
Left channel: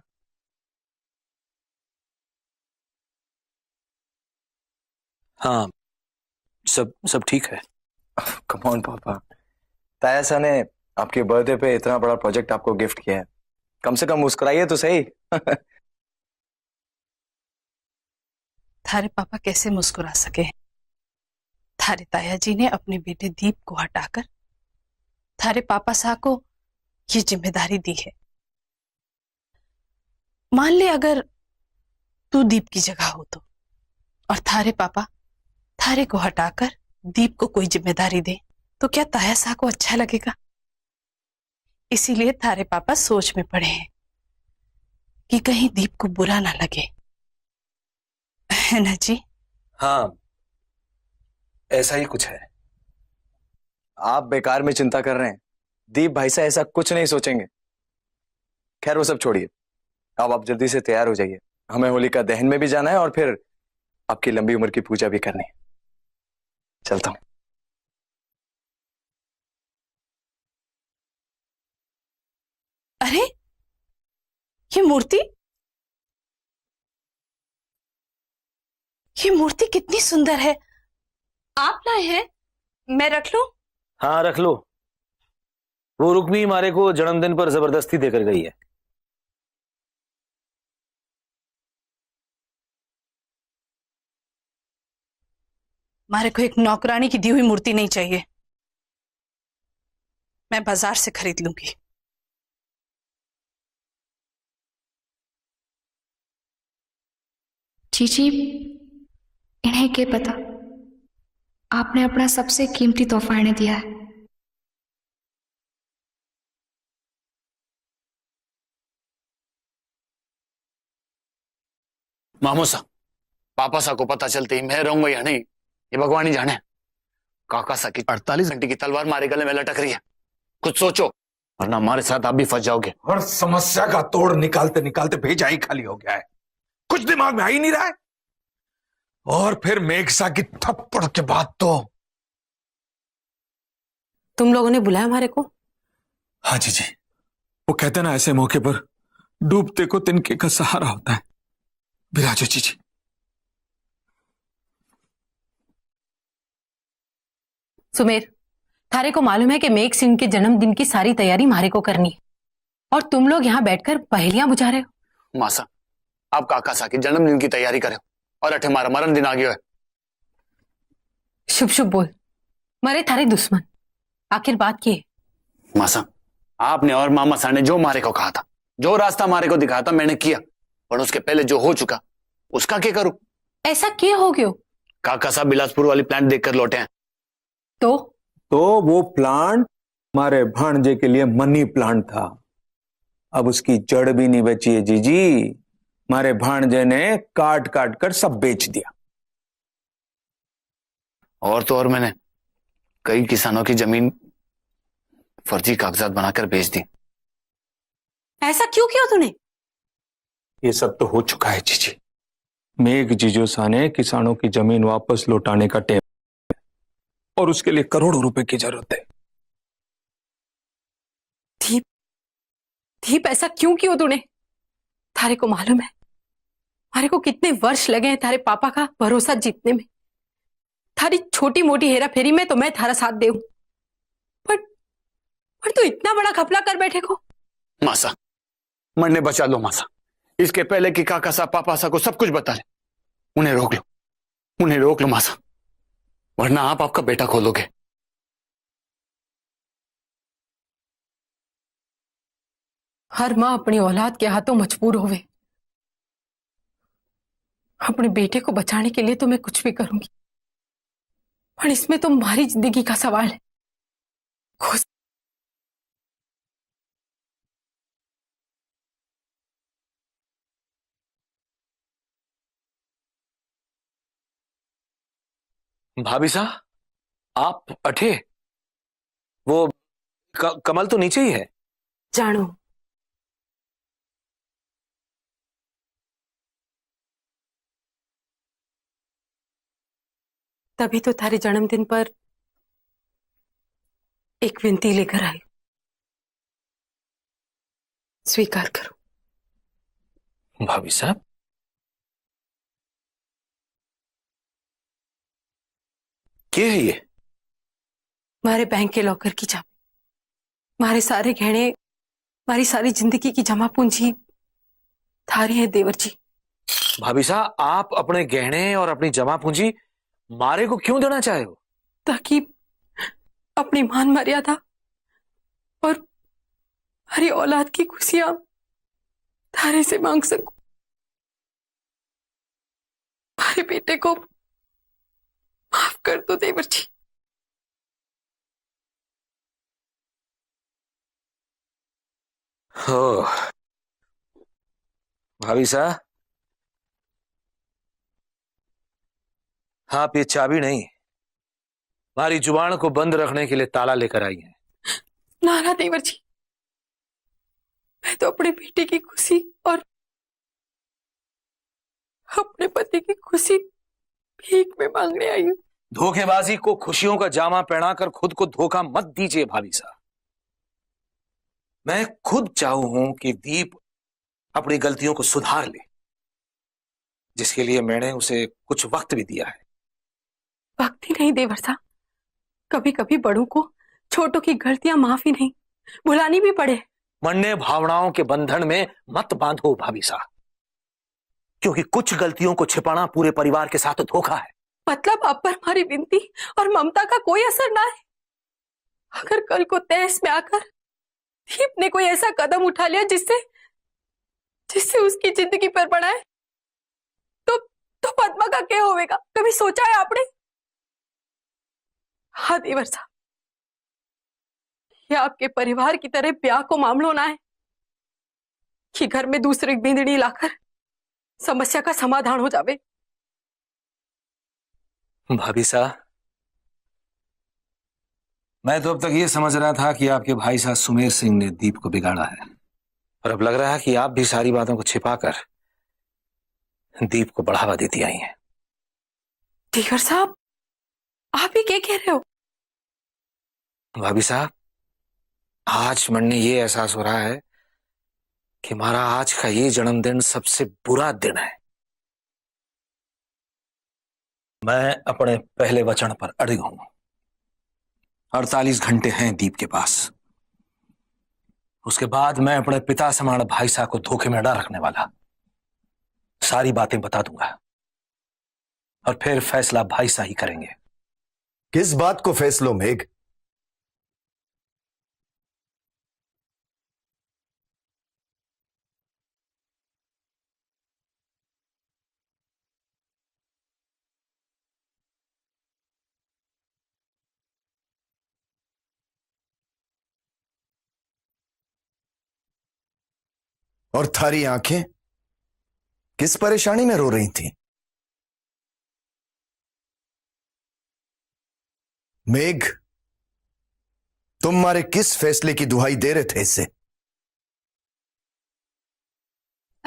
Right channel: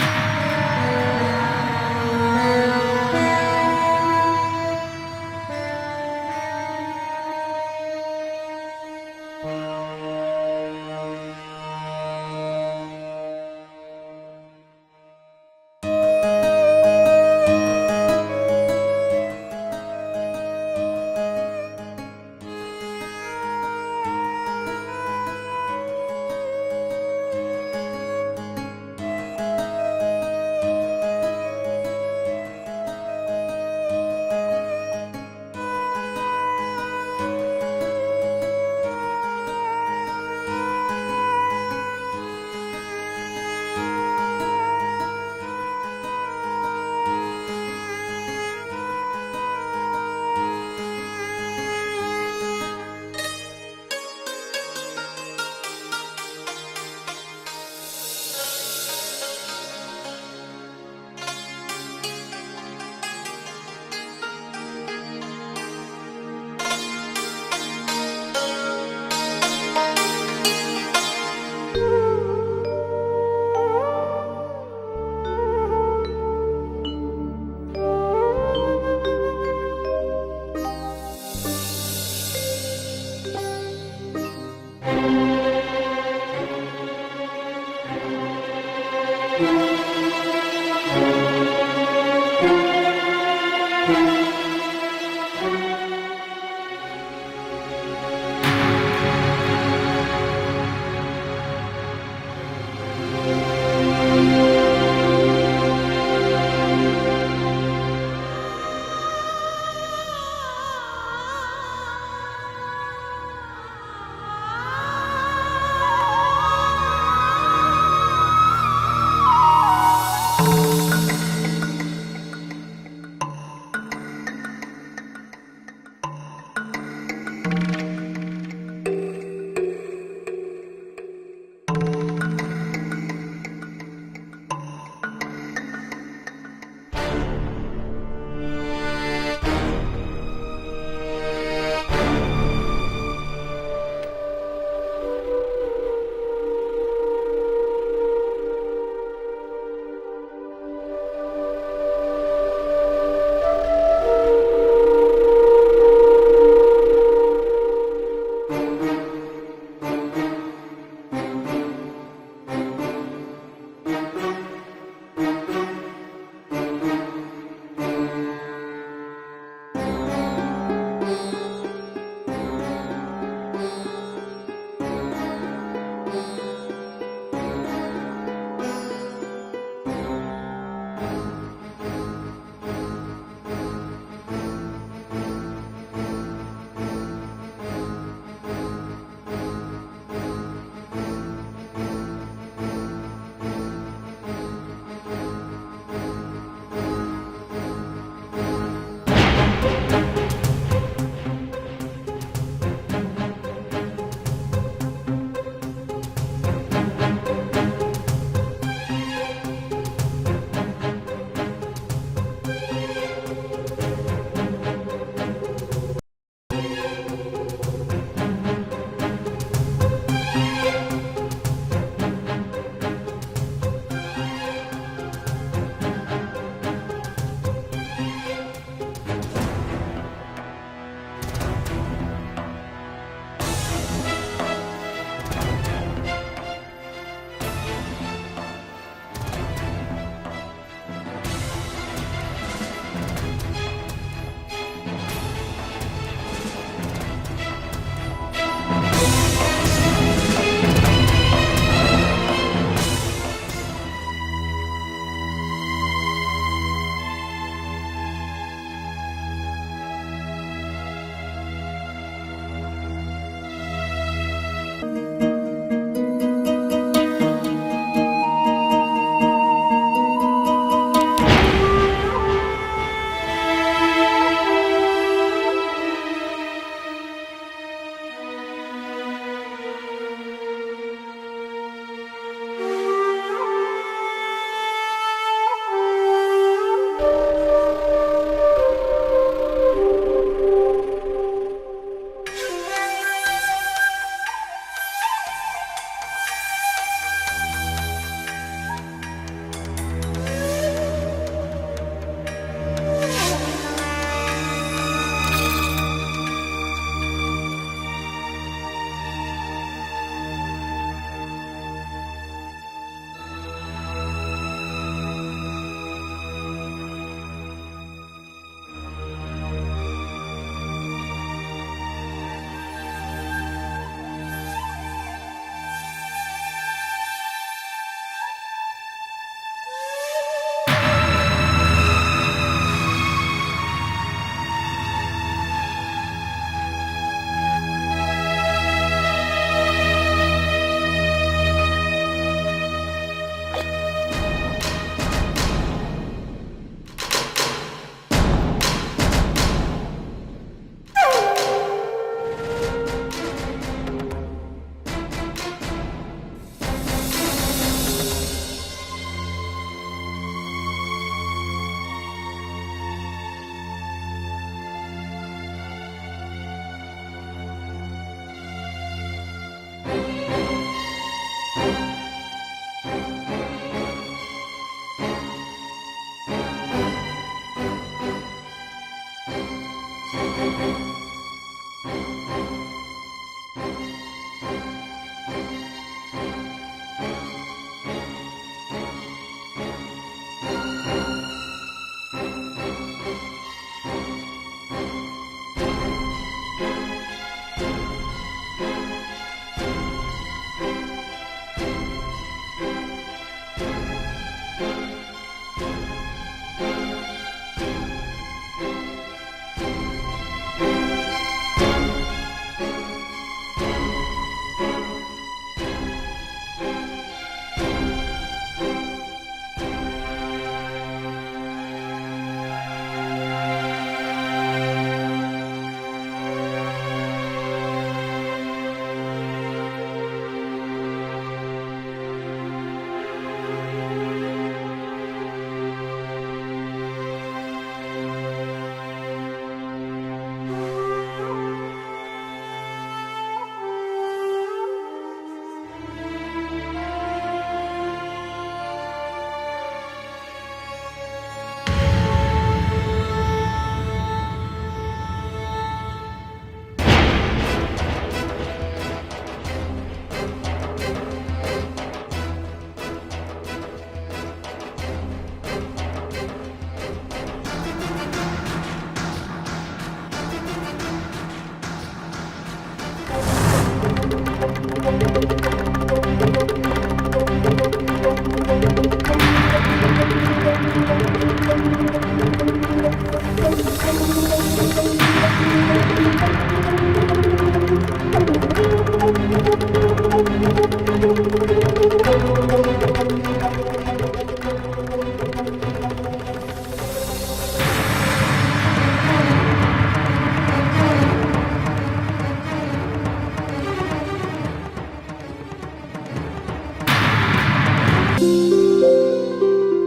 हाँ, सब ठीक है। कम ऑन पापा, ताया सा ने आपके बर्थडे पे इतना बड़ा प्रोजेक्ट आपको गिफ्ट किया है, कम से कम मुस्कुराइए तो सही। थारे पापा कैसे मुस्कुरा सके? थारे ताया जी ने अपने बेटे दीप को हटाकर थारे पापा साहब को ये जिम्मेदारी दी है। मान ले अगर तू दीप की जगह हो तो, और थारे पापा थारे को हटाकर दीप को कोई जिम्मेदारी दे, तो क्या ताया साहब को अच्छा लगेगा? इसीलिए थारे पापा सोच में पड़े हैं कि कहीं दीप को बुरा ना लगे, है ना जी? हाँ, ऐसा ही कुछ है। आप बेकार में चिंता कर रहे हैं, दीप भाई से ऐसा कुछ नहीं सोचेंगे। खैर वो सब छोड़िए, अब आप जल्दी से तैयार हो जाइए, हमें होलिका दहन में भी जाना है और फिर आपकी लंबी उम्र की पूजा भी करनी है। चलता हूं। अरे ये मूर्ति कितनी सुंदर है। आप लाए हैं? मैं रख लूं? हाँ रख लो। वो रुक्मी हमारे को जन्मदिन पर जबरदस्ती देकर गई है। हमारे को एक नौकरानी की दी हुई मूर्ति नहीं चाहिए, मैं बाजार से खरीद लूंगी। जीजी, इन्हें क्या पता, आपने अपना सबसे कीमती तोहफा इन्हें दिया है। मामू सा, पापा सा को पता चलते ही मैं रहूंगा या नहीं ये भगवान ही जाने। काका सा की 48 घंटे की तलवार मारे गले में लटक रही है, कुछ सोचो वरना हमारे साथ आप भी फंस जाओगे। और समस्या का तोड़ निकालते निकालते भेजा ही खाली हो गया है, कुछ दिमाग में आ ही नहीं रहा है। और फिर मेघसा की थप्पड़ के बाद तो तुम लोगों ने बुलाया हमारे को? हाँ जी जी, वो कहते ना ऐसे मौके पर डूबते को तिनके का सहारा होता है। विराजो जी जी। सुमेर, थारे को मालूम है कि मेघ सिंह के जन्मदिन की सारी तैयारी मारे को करनी, और तुम लोग यहाँ बैठकर पहेलियां बुझा रहे हो। मासा, आप काका सा की जन्मदिन की तैयारी करें और अठे हमारा मरण दिन आ गया है। शुभ शुभ बोल, मरे थारे दुश्मन, आखिर बात ये। मासा, आपने और मामा साहब ने जो मारे को कहा था, जो रास्ता मारे को दिखाया था, मैंने किया। पर उसके पहले जो हो चुका उसका क्या करूं? ऐसा क्या हो गयो? काका साहब बिलासपुर वाली प्लांट देखकर लौटे हैं। तो वो प्लांट हमारे भांजे के लिए मनी प्लांट था। अब उसकी जड़ भी नहीं बची है जीजी। हमारे भांजे ने काट काट कर सब बेच दिया। और तो और मैंने कई किसानों की जमीन फर्जी कागजात बनाकर बेच दी। ऐसा क्यों किया तूने? ये सब तो हो चुका है जीजी। मेघ जीजोसा ने किसानों की जमीन वापस लौटाने का टेम और उसके लिए करोड़ों रुपए की जरूरत है। दीप ऐसा क्यों किया तूने? थारे को मालूम है थारे को कितने वर्ष लगे हैं थारे पापा का भरोसा जीतने में। थारी छोटी मोटी हेरा फेरी में तो मैं थारा साथ दे, पर तू इतना बड़ा घपला कर बैठे को। मासा, मरने बचा लो मासा। इसके पहले कि काका साहब पापा साहब को सब कुछ बता दे। उन्हें रोक लो मासा, वरना आप आपका बेटा खोलोगे। हर माँ अपनी औलाद के हाथों मजबूर होवे। अपने बेटे को बचाने के लिए तो मैं कुछ भी करूंगी, पर इसमें तो हमारी जिंदगी का सवाल है। भाभी साहब, आप अठे? वो कमल तो नीचे ही है। जानो, तभी तो थारे जन्मदिन पर एक विनती लेकर आई, स्वीकार करो। भाभी साहब, क्या है ये? हमारे बैंक के लॉकर की चाबी, हमारे सारे गहने, हमारी सारी जिंदगी की जमा पूंजी थारी है देवर जी। भाभी साहब, आप अपने गहने और अपनी जमा पूंजी मारे को क्यों देना चाहे? ताकि अपनी मान मर्यादा और हरी औलाद की खुशियां थारे से मांग सकूं। भाई बेटे को माफ कर दो देवर जी। हो भाभी साहब, आप ये चाबी नहीं, हमारी जुबान को बंद रखने के लिए ताला लेकर आई। नाना देवर जी, मैं तो अपने बेटे की खुशी और अपने पति की खुशी भीख में मांगने आई हूँ। धोखेबाजी को खुशियों का जामा पहनाकर खुद को धोखा मत दीजिए भाभी साहब। मैं खुद चाहूं हूं कि दीप अपनी गलतियों को सुधार ले, जिसके लिए मैंने उसे कुछ वक्त भी दिया है। वक्त ही नहीं देवर साहब, कभी कभी बड़ों को छोटों की गलतियां माफी नहीं भुलानी भी पड़े। मरने भावनाओं के बंधन में मत बांधो भाभी साहब, क्योंकि कुछ गलतियों को छिपाना पूरे परिवार के साथ धोखा है। मतलब आप पर हमारी विनती और ममता का कोई असर ना है? अगर कल को तहस में आकर दीप ने कोई ऐसा कदम उठा लिया जिससे उसकी जिंदगी पर पड़ा है, तो पद्मा का क्या होगा? कभी सोचा है आपने? हाँ देवर साहब, ये आपके परिवार की तरह ब्याह को मामलो ना है कि घर में दूसरी बिंदड़ी लाकर समस्या का समाधान हो जावे। भाभी साहब, मैं तो अब तक ये समझ रहा था कि आपके भाई साहब सुमेर सिंह ने दीप को बिगाड़ा है, पर अब लग रहा है कि आप भी सारी बातों को छिपाकर दीप को बढ़ावा देती आई हैं। देवर साहब, आप भी क्या कह रहे हो? भाभी साहब, आज मन ने ये एहसास हो रहा है कि हमारा आज का ये जन्मदिन सबसे बुरा दिन है। मैं अपने पहले वचन पर अड़िग हूं। 48 घंटे हैं दीप के पास, उसके बाद मैं अपने पिता समान भाई साहब को धोखे में न रखने वाला। सारी बातें बता दूंगा और फिर फैसला भाई साहब ही करेंगे। किस बात को फैसलो मेघ? तुम्हारी आंखें किस परेशानी में रो रही थी? मेघ, तुम हमारे किस फैसले की दुहाई दे रहे थे इससे?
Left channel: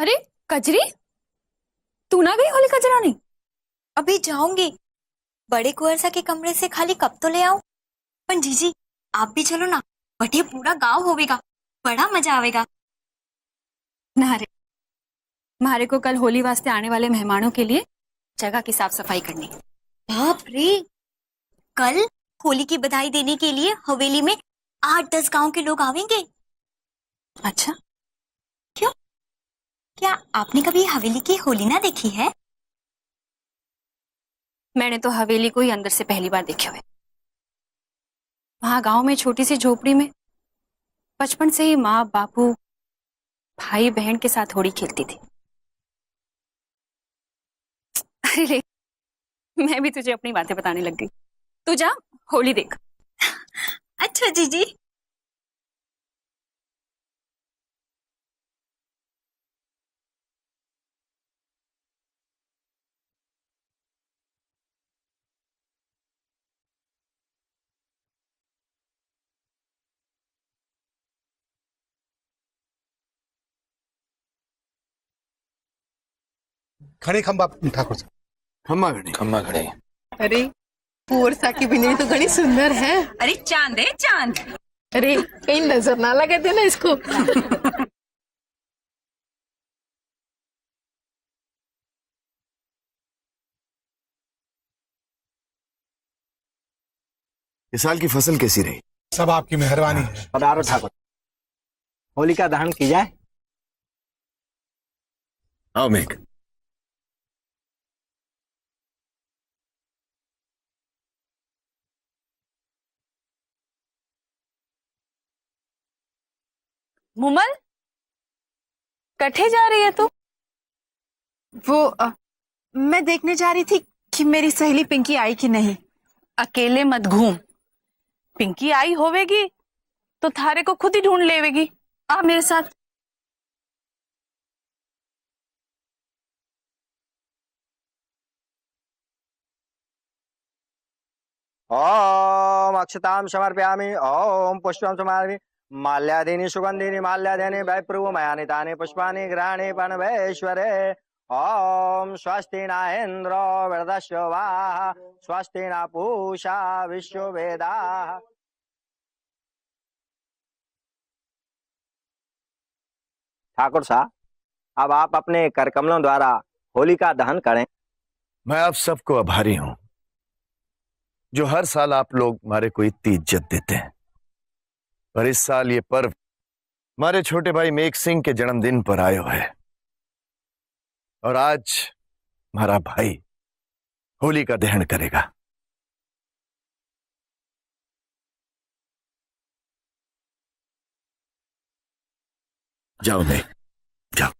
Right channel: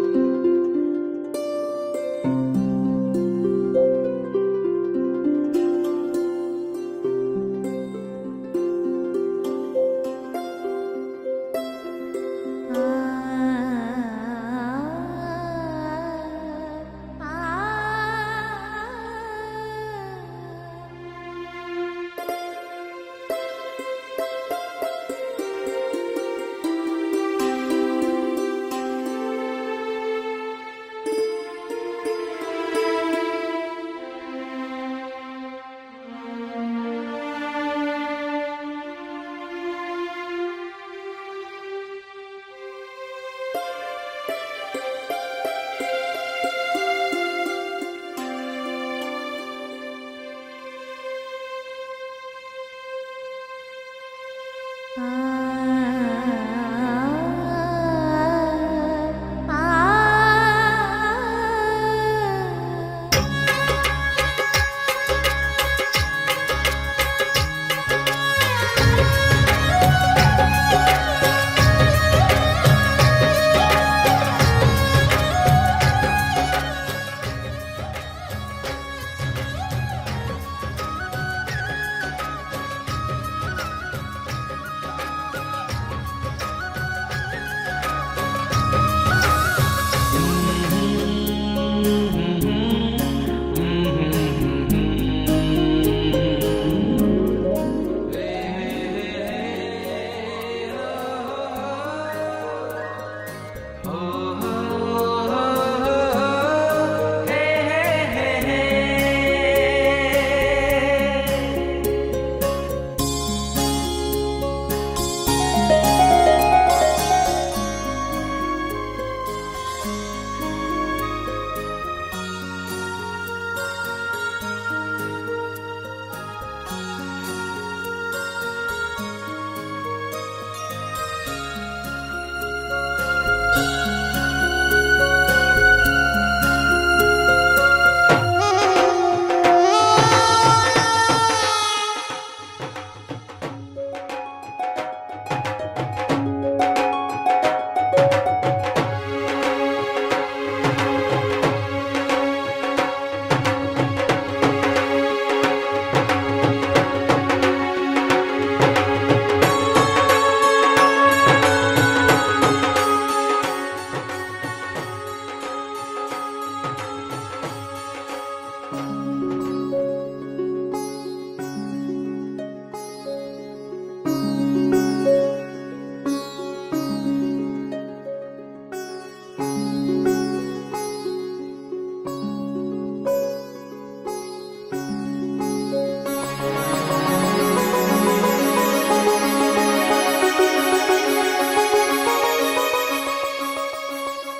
अरे कजरी, तू ना गई होलिका जलाने? अभी जाऊंगी। बड़े कुंवर के कमरे से खाली कब तो ले आऊं। पर जीजी आप भी चलो ना, बटे पूरा गांव होवेगा, बड़ा मजा आवेगा। ना रे, हमारे को कल होली वास्ते आने वाले मेहमानों के लिए जगह की साफ सफाई करनी। बाप रे, कल होली की बधाई देने के लिए हवेली में 8-10 गांव के लोग आवेंगे। अच्छा, क्यों? क्या आपने कभी हवेली की होली ना देखी है? मैंने तो हवेली को ही अंदर से पहली बार देखा है। वहाँ गांव में छोटी सी झोपड़ी में बचपन से ही माँ बापू भाई बहन के साथ होली खेलती थी। अरे मैं भी तुझे अपनी बातें बताने लग गई। तू जा होली देख। अच्छा जीजी। खड़े खंबा ठाकुर खम्मा खड़े। अरे कुंवर की बिंदनी तो बड़ी सुंदर है। अरे चांद है चांद। अरे कहीं नजर ना लगे थे ना इसको। इस साल की फसल कैसी रही? सब आपकी मेहरबानी। अब आरो ठाकुर, होलिका दहन की जाए। हाँ मेघ, मुमल, कठे जा रही है तू? वो मैं देखने जा रही थी कि मेरी सहेली पिंकी आई कि नहीं। अकेले मत घूम, पिंकी आई होवेगी तो थारे को खुद ही ढूंढ लेवेगी। आ मेरे साथ। ओम अक्षतां समर्पयामि। ओम पुष्पं समर्पयामि। माल्यादीनि सुगंधिनि माल्यादीनि वैप्रमयानि दानि पुष्पाणि राणि परमेश्वरे। ओम स्वस्ति न इन्द्रो वृद्धश्रवा स्वस्ति न पूषा विश्ववेदा। ठाकुर साहब, अब आप अपने कर कमलों द्वारा होलिका दहन करें। मैं आप सबको आभारी हूं जो हर साल आप लोग हमारे को इतनी इज्जत देते हैं। पर इस साल ये पर्व हमारे छोटे भाई मेघ सिंह के जन्मदिन पर आयो है और आज हमारा भाई होली का दहन करेगा। जाओ मेघ, जाओ।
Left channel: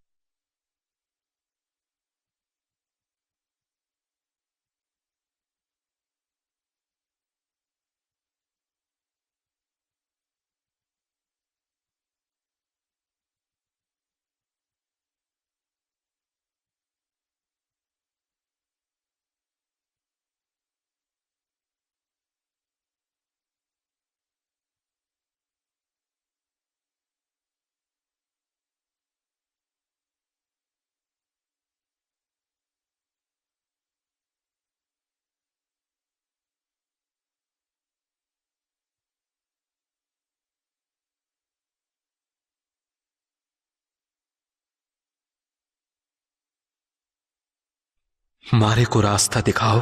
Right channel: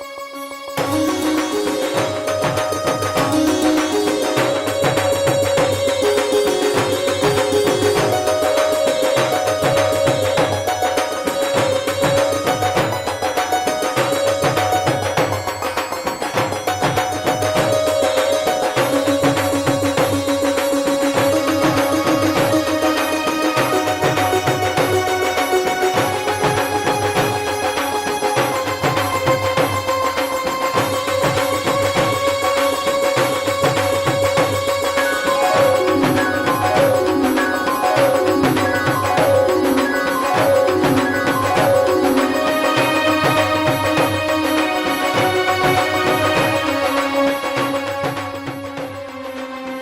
मारे को रास्ता दिखाओ,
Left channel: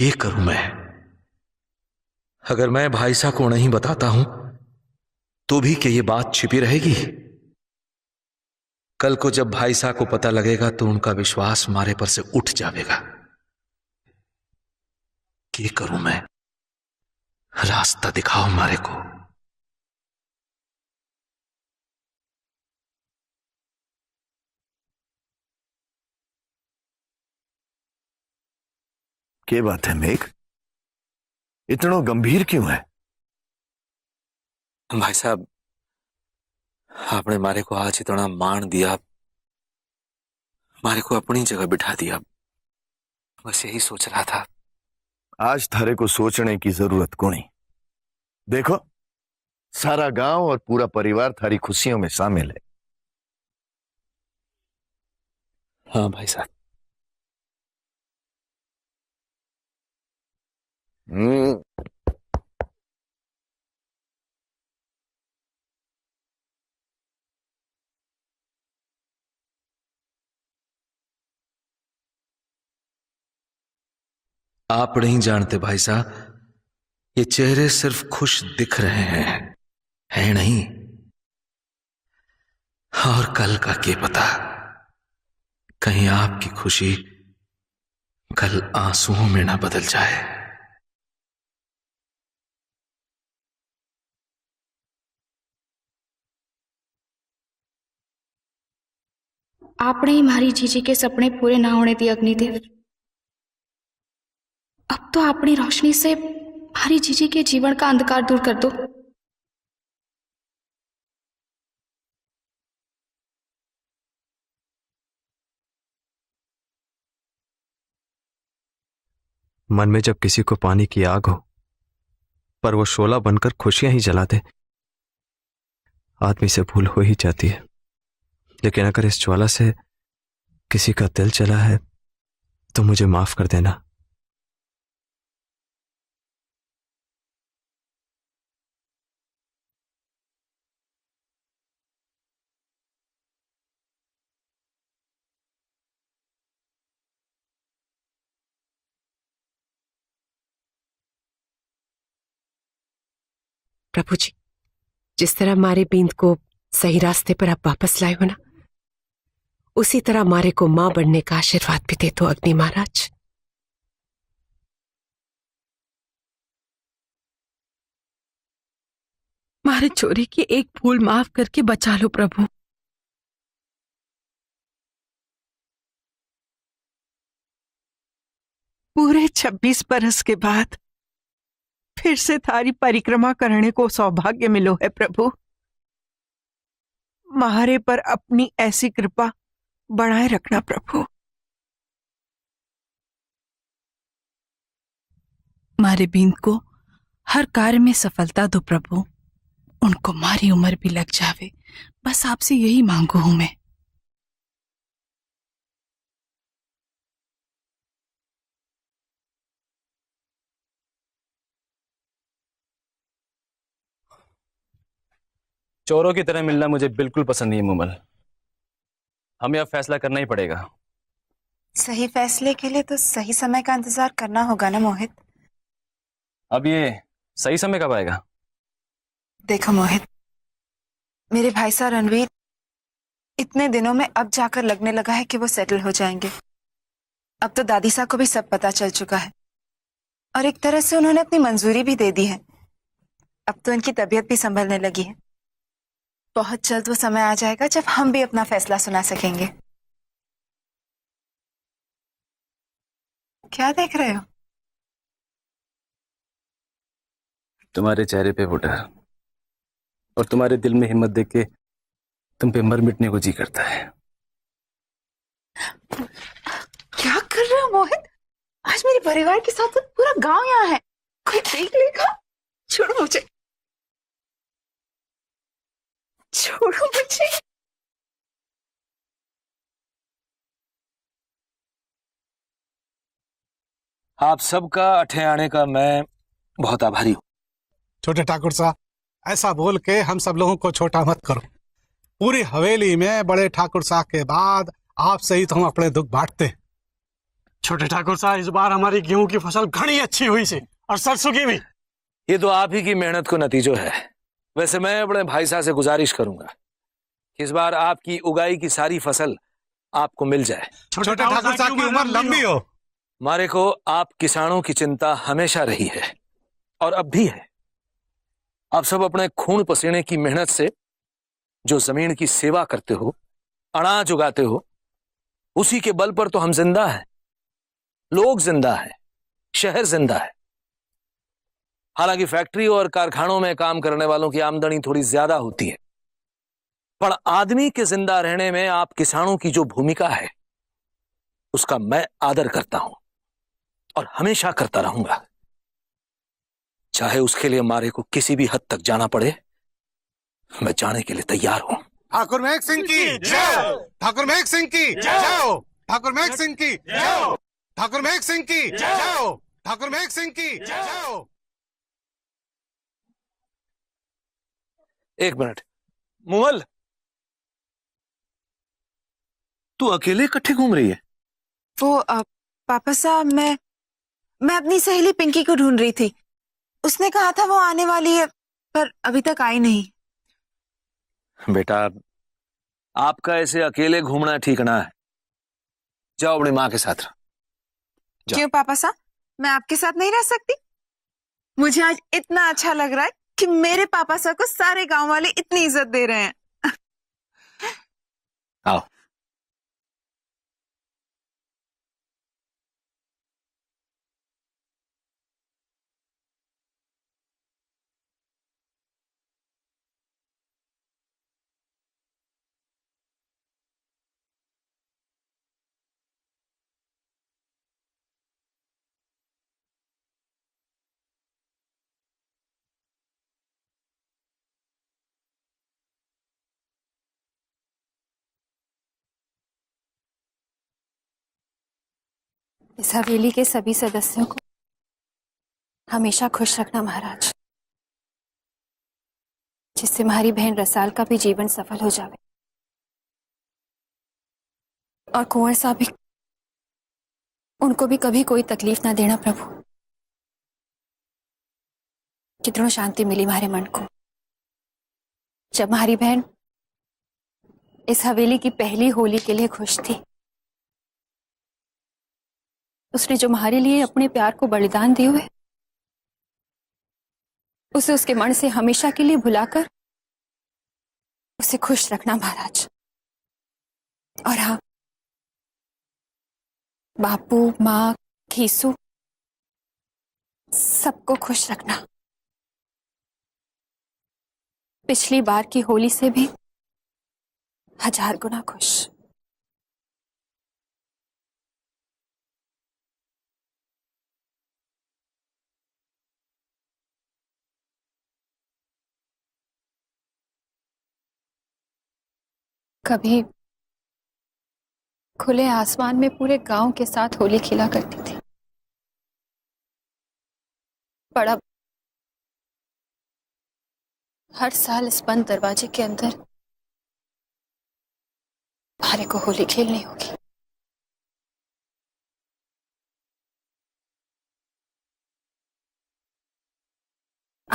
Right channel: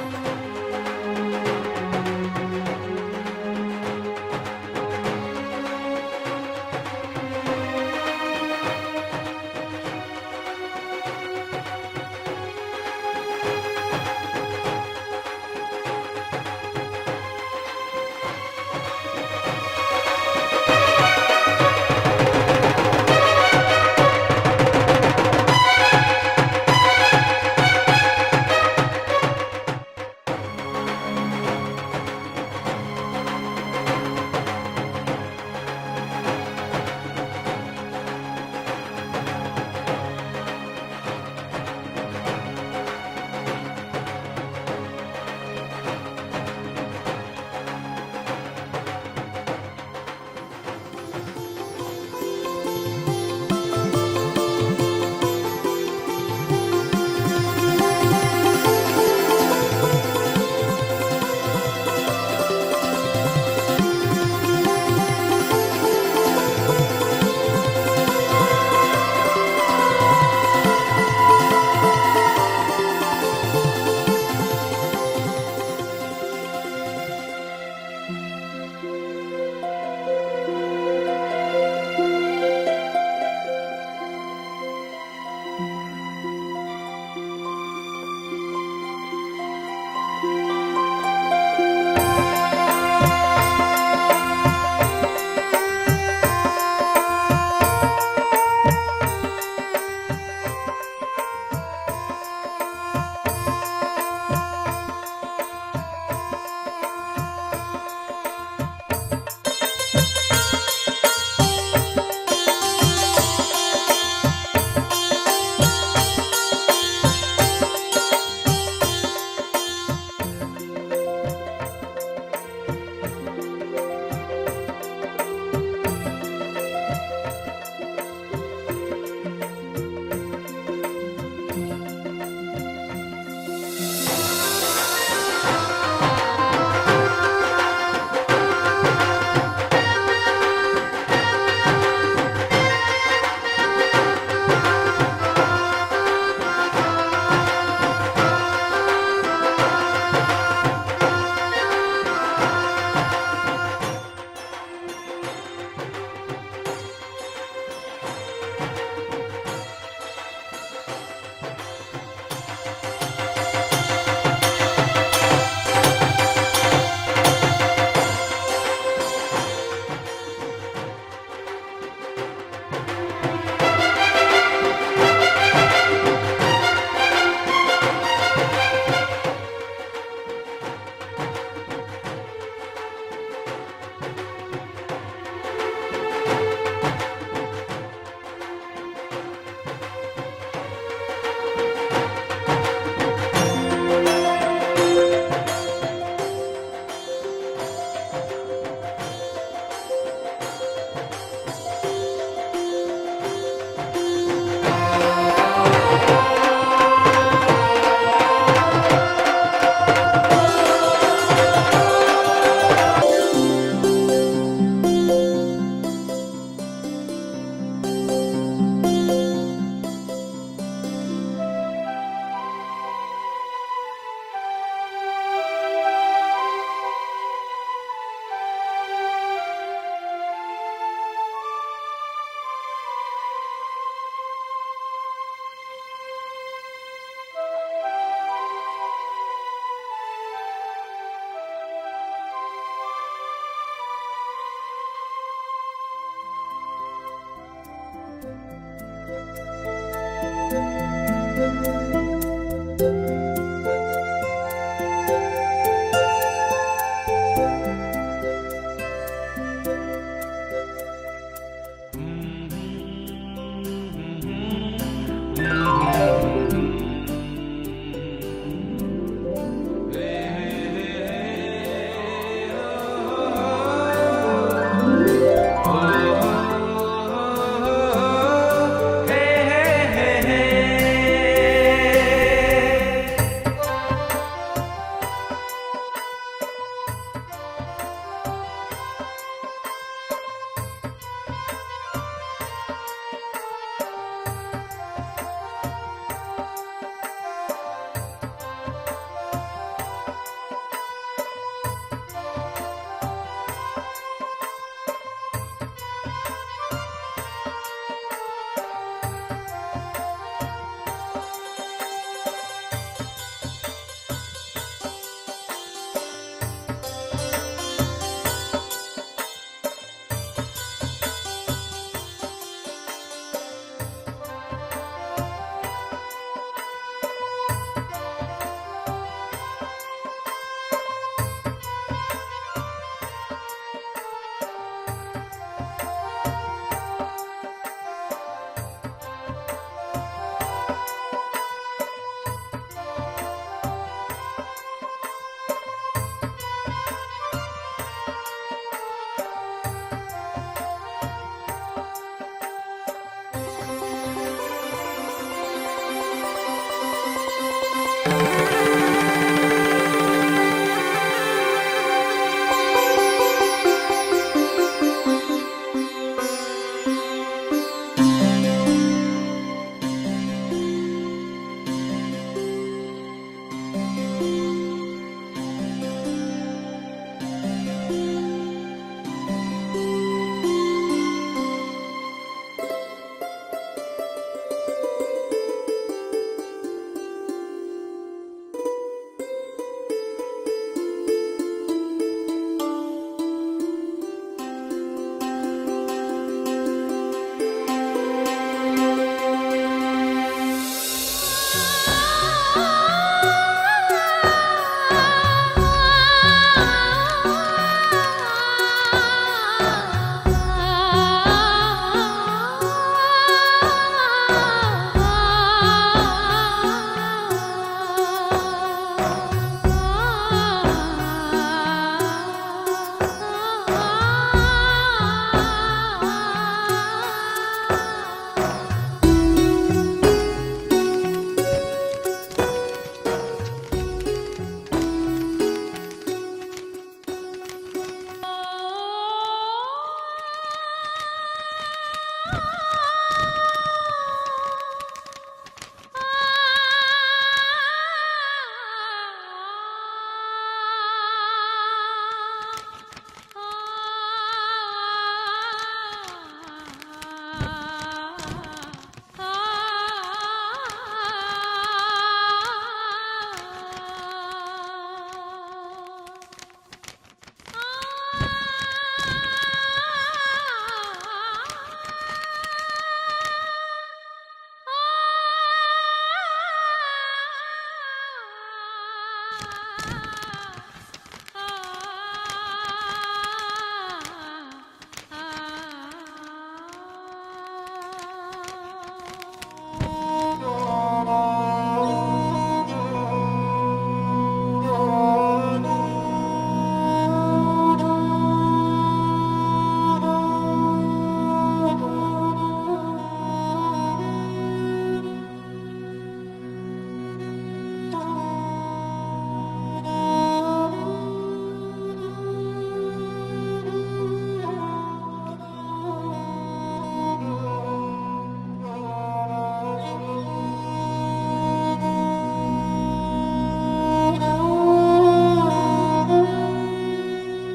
ये करूं मैं। अगर मैं भाईसा को नहीं बताता हूं तो भी क्या ये बात छिपी रहेगी? कल को जब भाईसा को पता लगेगा तो उनका विश्वास मारे पर से उठ जाएगा। क्या करूं मैं? रास्ता दिखाओ मारे को। क्या बात है मेघ, इतना गंभीर क्यों है? भाई साहब, आपने मारे को आज इतना मान दिया, मारे को अपनी जगह बिठा दिया। बस यही सोच रहा था। आज थारे को सोचने की जरूरत कोनी। देखो, सारा गांव और पूरा परिवार थारी खुशियों में शामिल है। हाँ भाई साहब। आप नहीं जानते भाई साहब, ये चेहरे सिर्फ खुश दिख रहे हैं, है नहीं। और कल का क्या पता, कहीं आपकी खुशी कल आंसुओं में ना बदल जाए। आपने ही मारी जीजी के सपने पूरे ना होने दिए अग्निदेव। अब तो अपनी रोशनी से मारी जीजी के जीवन का अंधकार दूर कर दो। मन में जब किसी को पानी की आग हो पर वो शोला बनकर खुशियां ही जला दे, आदमी से भूल हो ही जाती है। लेकिन अगर इस ज्वाला से किसी का दिल जला है तो मुझे माफ कर देना। प्रभु जी, जिस तरह हमारे बींद को सही रास्ते पर आप वापस लाए हो ना, उसी तरह हमारे को मां बनने का आशीर्वाद भी दे दो अग्नि महाराज। हमारे चोरी की एक भूल माफ करके बचा लो प्रभु। पूरे 26 बरस के बाद फिर से थारी परिक्रमा करने को सौभाग्य मिलो है प्रभु। हमारे पर अपनी ऐसी कृपा बढ़ाए रखना प्रभु। मारे बीन को हर कार्य में सफलता दो प्रभु। उनको मारी उम्र भी लग जावे, बस आपसे यही मांगू हूं मैं। चोरों की तरह मिलना मुझे बिल्कुल पसंद नहीं है मुमल। हमें अब फैसला करना ही पड़ेगा। सही फैसले के लिए तो सही समय का इंतजार करना होगा ना मोहित। अब ये सही समय कब आएगा? देखो मोहित, मेरे भाई साहब रणवीर इतने दिनों में अब जाकर लगने लगा है कि वो सेटल हो जाएंगे। अब तो दादी साहब को भी सब पता चल चुका है और एक तरह से उन्होंने अपनी मंजूरी भी दे दी है। अब तो उनकी तबीयत भी संभलने लगी है। बहुत जल्द वो समय आ जाएगा जब हम भी अपना फैसला सुना सकेंगे। क्या देख रहे हो? तुम्हारे चेहरे पे वो डर और तुम्हारे दिल में हिम्मत देख के तुम पे मर मिटने को जी करता है। क्या कर रहे हो मोहित? आज मेरे परिवार के साथ पूरा गांव यहाँ है। कोई देख लेगा? छोड़ो मुझे, छोड़ो मुझे। आप सबका अठे आने का मैं बहुत आभारी। छोटे ठाकुर साहब, ऐसा बोल के हम सब लोगों को छोटा मत करो। पूरी हवेली में बड़े ठाकुर साहब के बाद आपसे ही तो हम अपने दुख बांटते हैं। छोटे ठाकुर साहब, इस बार हमारी गेहूं की फसल घनी अच्छी हुई से और सरसों की भी। ये तो आप ही की मेहनत को नतीजो है। वैसे मैं अपने भाई साहब से गुजारिश करूंगा, इस बार आपकी उगाई की सारी फसल आपको मिल जाए। छोटे ठाकुर साहब की उम्र लंबी हो। मारे को आप किसानों की चिंता हमेशा रही है और अब भी है। आप सब अपने खून पसीने की मेहनत से जो जमीन की सेवा करते हो, अनाज उगाते हो, उसी के बल पर तो हम जिंदा हैं, लोग जिंदा हैं, शहर जिंदा है। हालांकि फैक्ट्री और कारखानों में काम करने वालों की आमदनी थोड़ी ज्यादा होती है, पर आदमी के जिंदा रहने में आप किसानों की जो भूमिका है उसका मैं आदर करता हूं और हमेशा करता रहूंगा। चाहे उसके लिए मारे को किसी भी हद तक जाना पड़े, मैं जाने के लिए तैयार हूं। ठाकुर मेघ सिंह की जय, ठाकुर मेघ सिंह की जय, ठाकुर मेघ सिंह की जय, ठाकुर मेघ सिंह की जय, ठाकुर मेघ सिंह की। एक मिनट मोहल, तू अकेले इकट्ठे घूम रही है? वो पापा साहब, मैं अपनी सहेली पिंकी को ढूंढ रही थी। उसने कहा था वो आने वाली है, पर अभी तक आई नहीं। बेटा, आपका ऐसे अकेले घूमना ठीक ना है। जाओ अपनी माँ के साथ रहो। क्यों पापा साहब, मैं आपके साथ नहीं रह सकती? मुझे आज इतना अच्छा लग रहा है कि मेरे पापा साहब तो सारे गांव वाले इतनी इज्जत दे रहे हैं। आओ। इस हवेली के सभी सदस्यों को हमेशा खुश रखना महाराज, जिससे हमारी बहन रसाल का भी जीवन सफल हो जाए और कुंवर साहब भी, उनको भी कभी कोई तकलीफ ना देना प्रभु। कितनी शांति मिली हमारे मन को जब हमारी बहन इस हवेली की पहली होली के लिए खुश थी। उसने जो हमारे लिए अपने प्यार को बलिदान दिए हुए, उसे उसके मन से हमेशा के लिए भुलाकर उसे खुश रखना महाराज। और हाँ, बापू, माँ, खीसू, सबको खुश रखना। पिछली बार की होली से भी 1000 गुना खुश। कभी खुले आसमान में पूरे गांव के साथ होली खेला करती थी, पर अब हर साल इस बंद दरवाजे के अंदर हमारे को होली खेलनी होगी।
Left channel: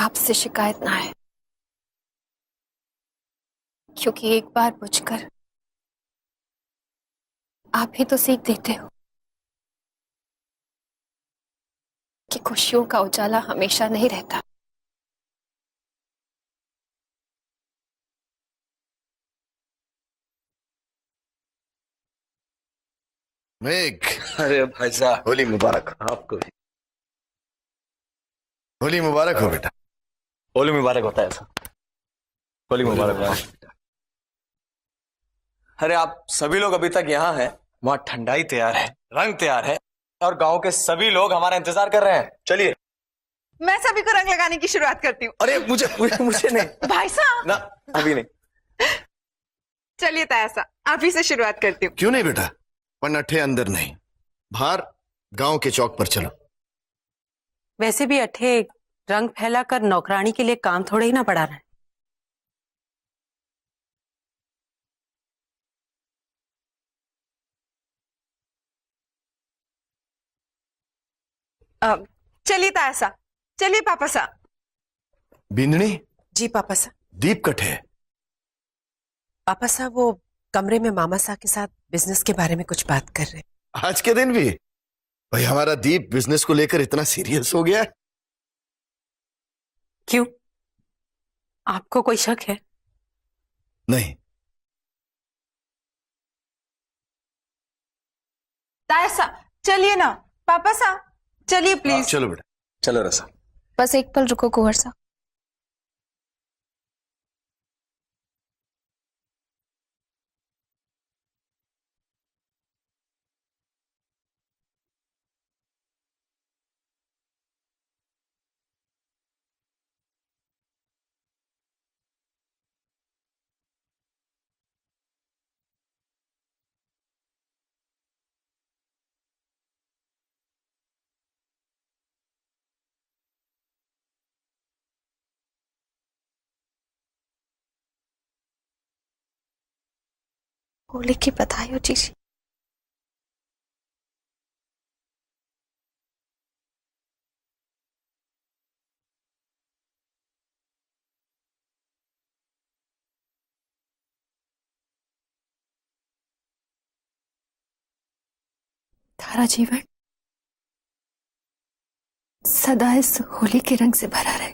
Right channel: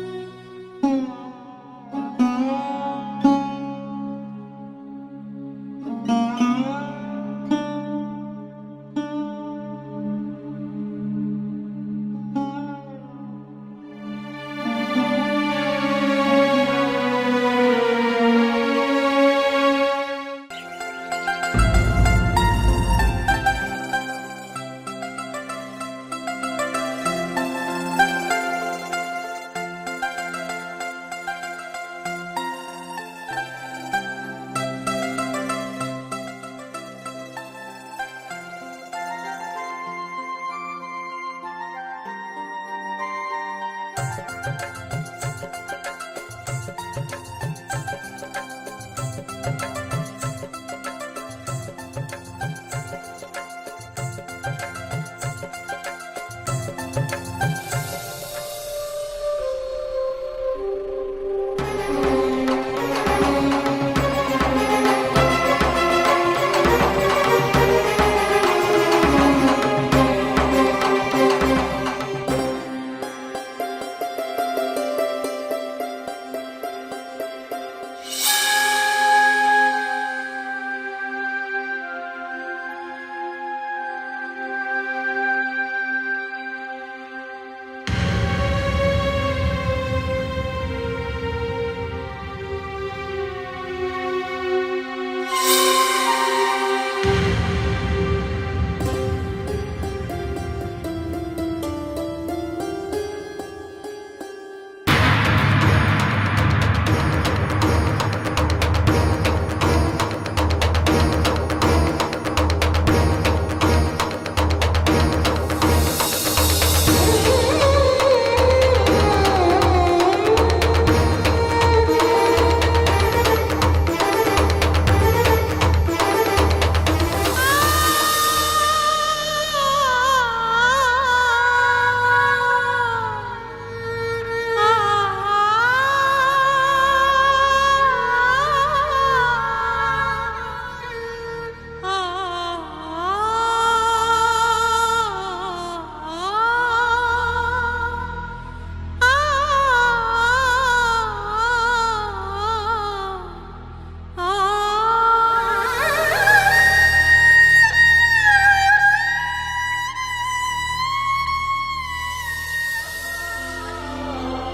आपसे शिकायत ना है, क्योंकि एक बार बुझकर आप ही तो सीख देते हो कि खुशियों का उजाला हमेशा नहीं रहता। मेघ, अरे भाई साहब, होली मुबारक। आपको होली मुबारक हो बेटा। होली मुबारक होता है। होली मुबारक हो। अरे आप सभी लोग अभी तक यहाँ हैं, वहाँ ठंडाई तैयार है, रंग तैयार है और गांव के सभी लोग हमारा इंतजार कर रहे हैं। चलिए। मैं सभी को रंग लगाने की शुरुआत करती हूँ। अरे मुझे नहीं भाई साहब ना, अभी नहीं। चलिए ताया साहब, आप ही से शुरुआत करती हूँ। क्यों नहीं बेटा, पन्नठे अंदर नहीं, बाहर गांव के चौक पर चलो। वैसे भी अठे रंग फैलाकर नौकरानी के लिए काम थोड़े ही ना पड़ा रहा। चलिए ताया साहब, चलिए पापा साहब। बिंदनी, जी पापा साहब। दीप कट है। पापा साहब वो कमरे में मामा साहब के साथ बिजनेस के बारे में कुछ बात कर रहे हैं। आज के दिन भी भाई हमारा दीप बिजनेस को लेकर इतना सीरियस हो गया है। क्यों, आपको कोई शक है? नहीं। ताया साहब चलिए ना, पापा साहब चलिए प्लीज। चलो बेटा, चलो रसा। बस एक पल रुको कुंवर साहब। होली की बधाई हो जीजी। तारा जीवन सदा इस होली के रंग से भरा रहे।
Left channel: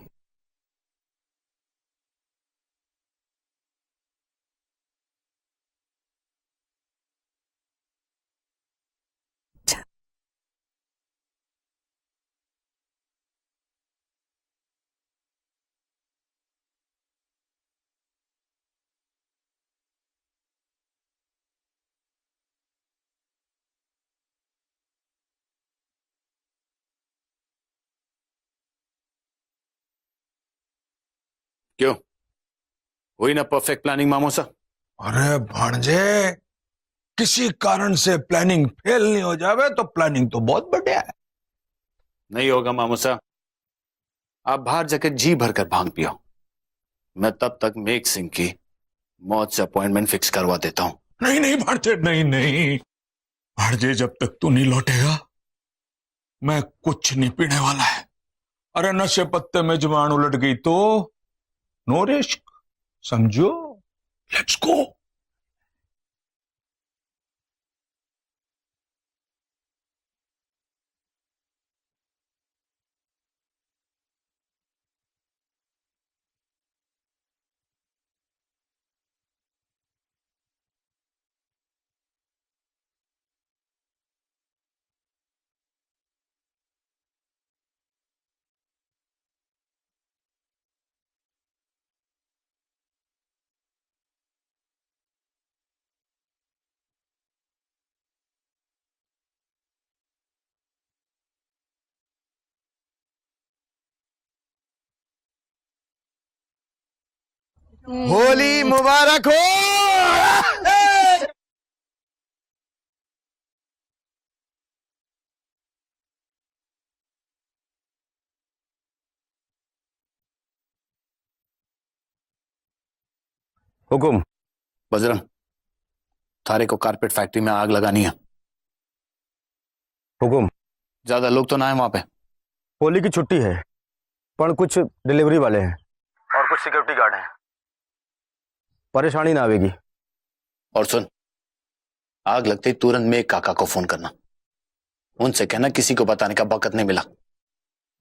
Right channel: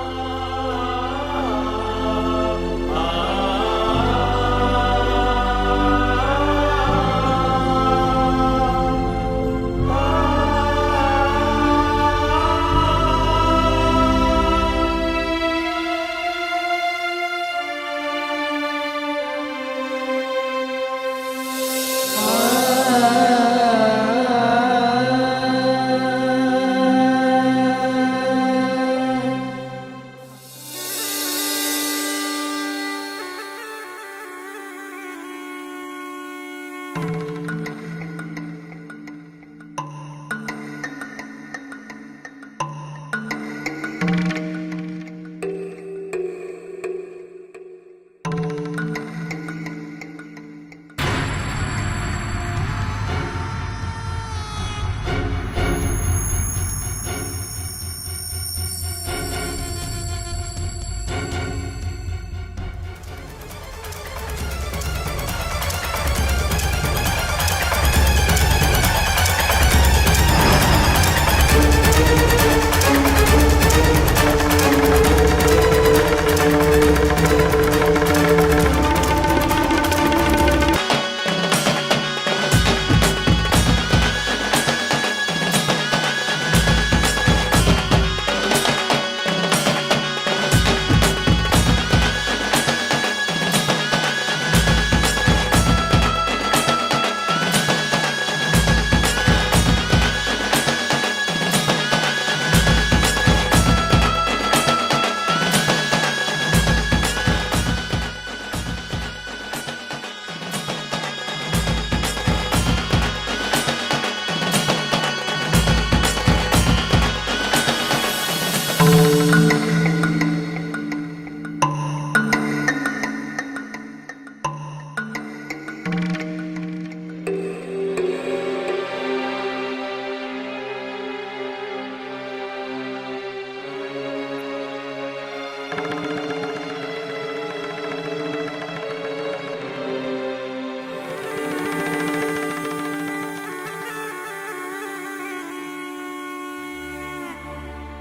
क्यों वही ना परफेक्ट प्लानिंग मामोसा? अरे भांजे, किसी कारण से प्लानिंग फेल नहीं हो जावे तो प्लानिंग तो बहुत बढ़िया है। नहीं होगा मामोसा, आप बाहर जाकर जी भरकर भांग पियो। मैं तब तक मेघ सिंह की मौत से अपॉइंटमेंट फिक्स करवा देता हूँ। नहीं नहीं भांजे, नहीं नहीं भांजे, जब तक तू नहीं लौटेगा मैं कुछ नहीं पीने वाला है। अरे नशे पत्ते में जुबान उलट गई तो नो रिस्क, समझो। Let's go. होली मुबारक हो। हुकुम। बजरंग, थारे को कारपेट फैक्ट्री में आग लगानी है। हुकुम। ज्यादा लोग तो ना है वहां पे। होली की छुट्टी है, पर कुछ डिलीवरी वाले हैं और कुछ सिक्योरिटी गार्ड हैं। परेशानी ना आवेगी। और सुन, आग लगते ही तुरंत मेघ काका को फोन करना। उनसे कहना किसी को बताने का वक्त नहीं मिला,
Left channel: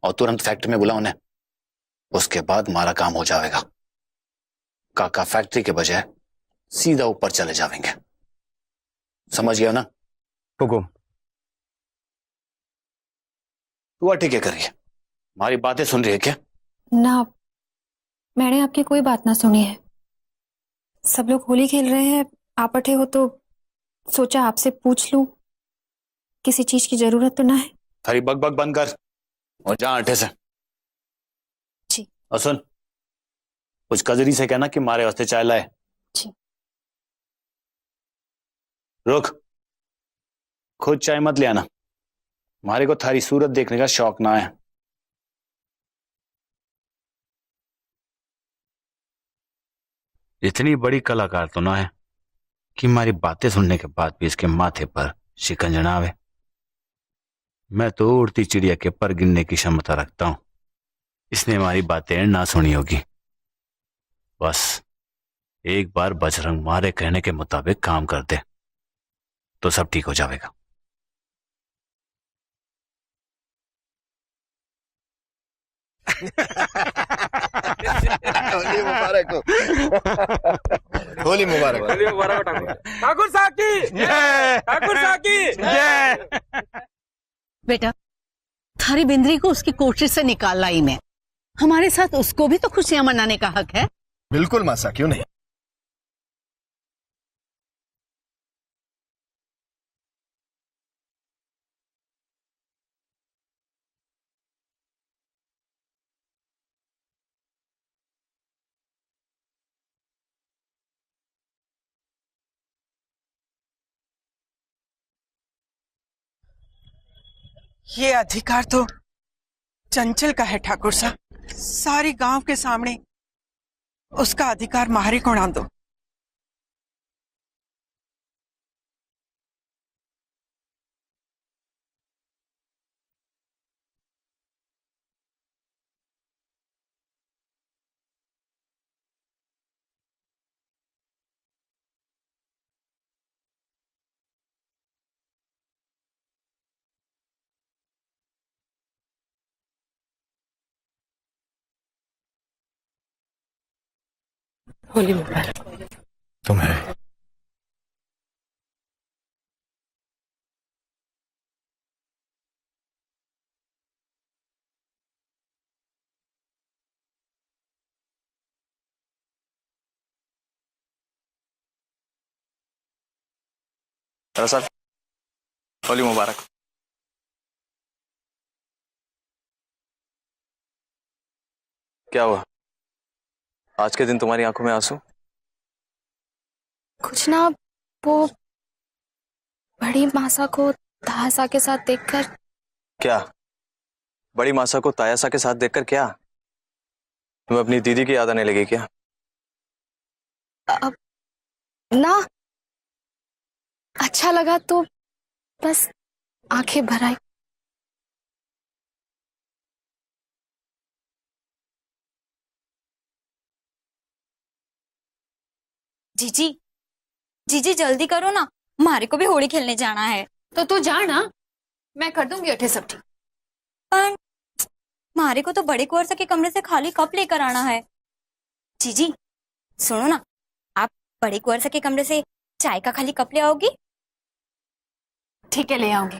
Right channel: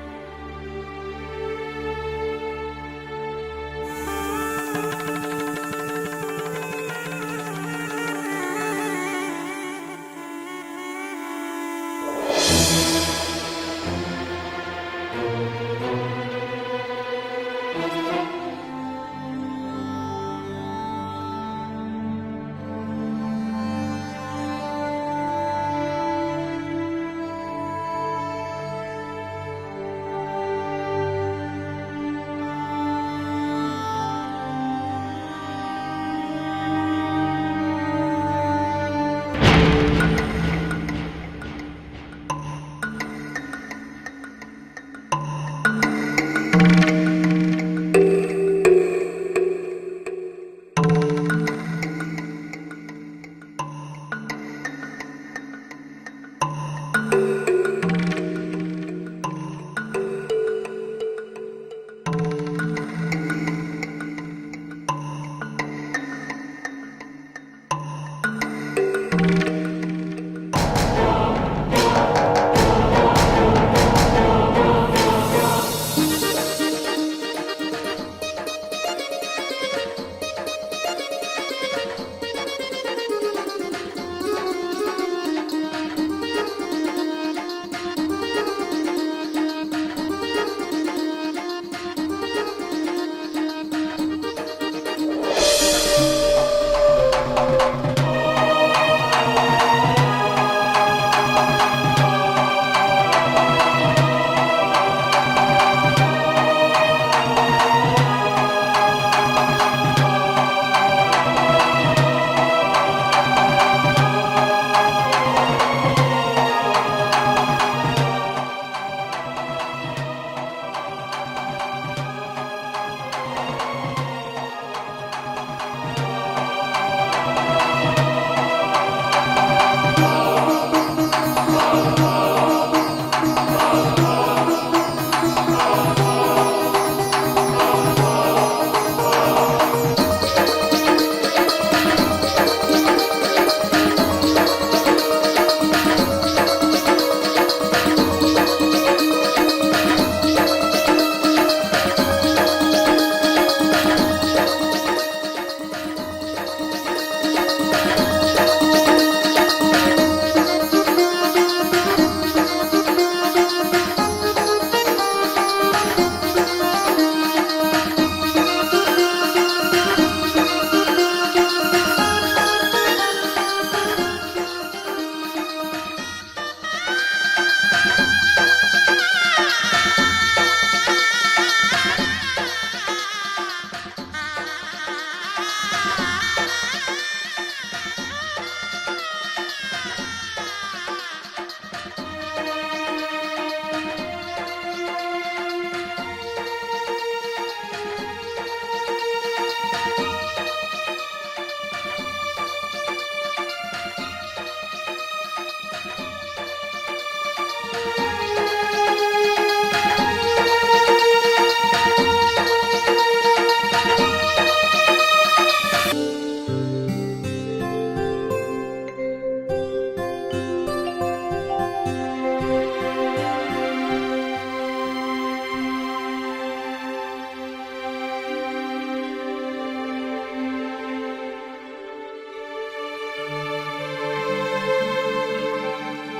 और तुरंत फैक्ट्री में बुला उन्हें। उसके बाद हमारा काम हो जाएगा। काका फैक्ट्री के बजाय सीधा ऊपर चले जाएंगे। समझ गया ना? हुकुम। वो ठीक है, करिए। हमारी बातें सुन रही है क्या? ना, मैंने आपकी कोई बात ना सुनी है। सब लोग होली खेल रहे हैं, आप बैठे हो तो सोचा आपसे पूछ लूं, किसी चीज की जरूरत तो ना है? थारी बक बक बंद कर और जा आटे से। जी। और सुन, कुछ कजरी से कहना कि हमारे वास्ते चाय लाए। जी। रुक, खुद चाय मत ले आना। हमारे को थारी सूरत देखने का शौक ना है। इतनी बड़ी कलाकार तो ना है कि हमारी बातें सुनने के बाद भी इसके माथे पर शिकंजा ना आवे। मैं तो उड़ती चिड़िया के पर गिनने की क्षमता रखता हूँ। इसने हमारी बातें ना सुनी होगी। बस एक बार बजरंग मारे कहने के मुताबिक काम कर दे तो सब ठीक हो जाएगा। होली मुबारक। ठाकुर साहब की जय, ठाकुर साहब की जय। बेटा, थारी बिंद्री को उसकी कोठरी से निकालना ही ने। हमारे साथ उसको भी तो खुशियां मनाने का हक है। बिल्कुल मासा, क्यों नहीं। ये अधिकार तो चंचल का है ठाकुर साहब। सारी गांव के सामने उसका अधिकार मारे को ना दो। साहब, होली मुबारक। क्या हुआ? आज के दिन तुम्हारी आंखों में आंसू? कुछ ना, वो बड़ी मासा को तासा के साथ देखकर। क्या बड़ी मासा को तायासा के साथ देखकर क्या तुम्हें अपनी दीदी की याद आने लगी क्या? ना, अच्छा लगा तो बस आंखें भर आई। जीजी, जीजी जल्दी करो ना, हमारे को भी होली खेलने जाना है। तो तू जा ना, मैं कर दूंगी अठे सब्जी। पर हमारे को तो बड़े कुंवर के कमरे से खाली कप लेकर आना है। जीजी सुनो ना, आप बड़े कुंवर के कमरे से चाय का खाली कप ले आओगी? ठीक है, ले आऊंगी।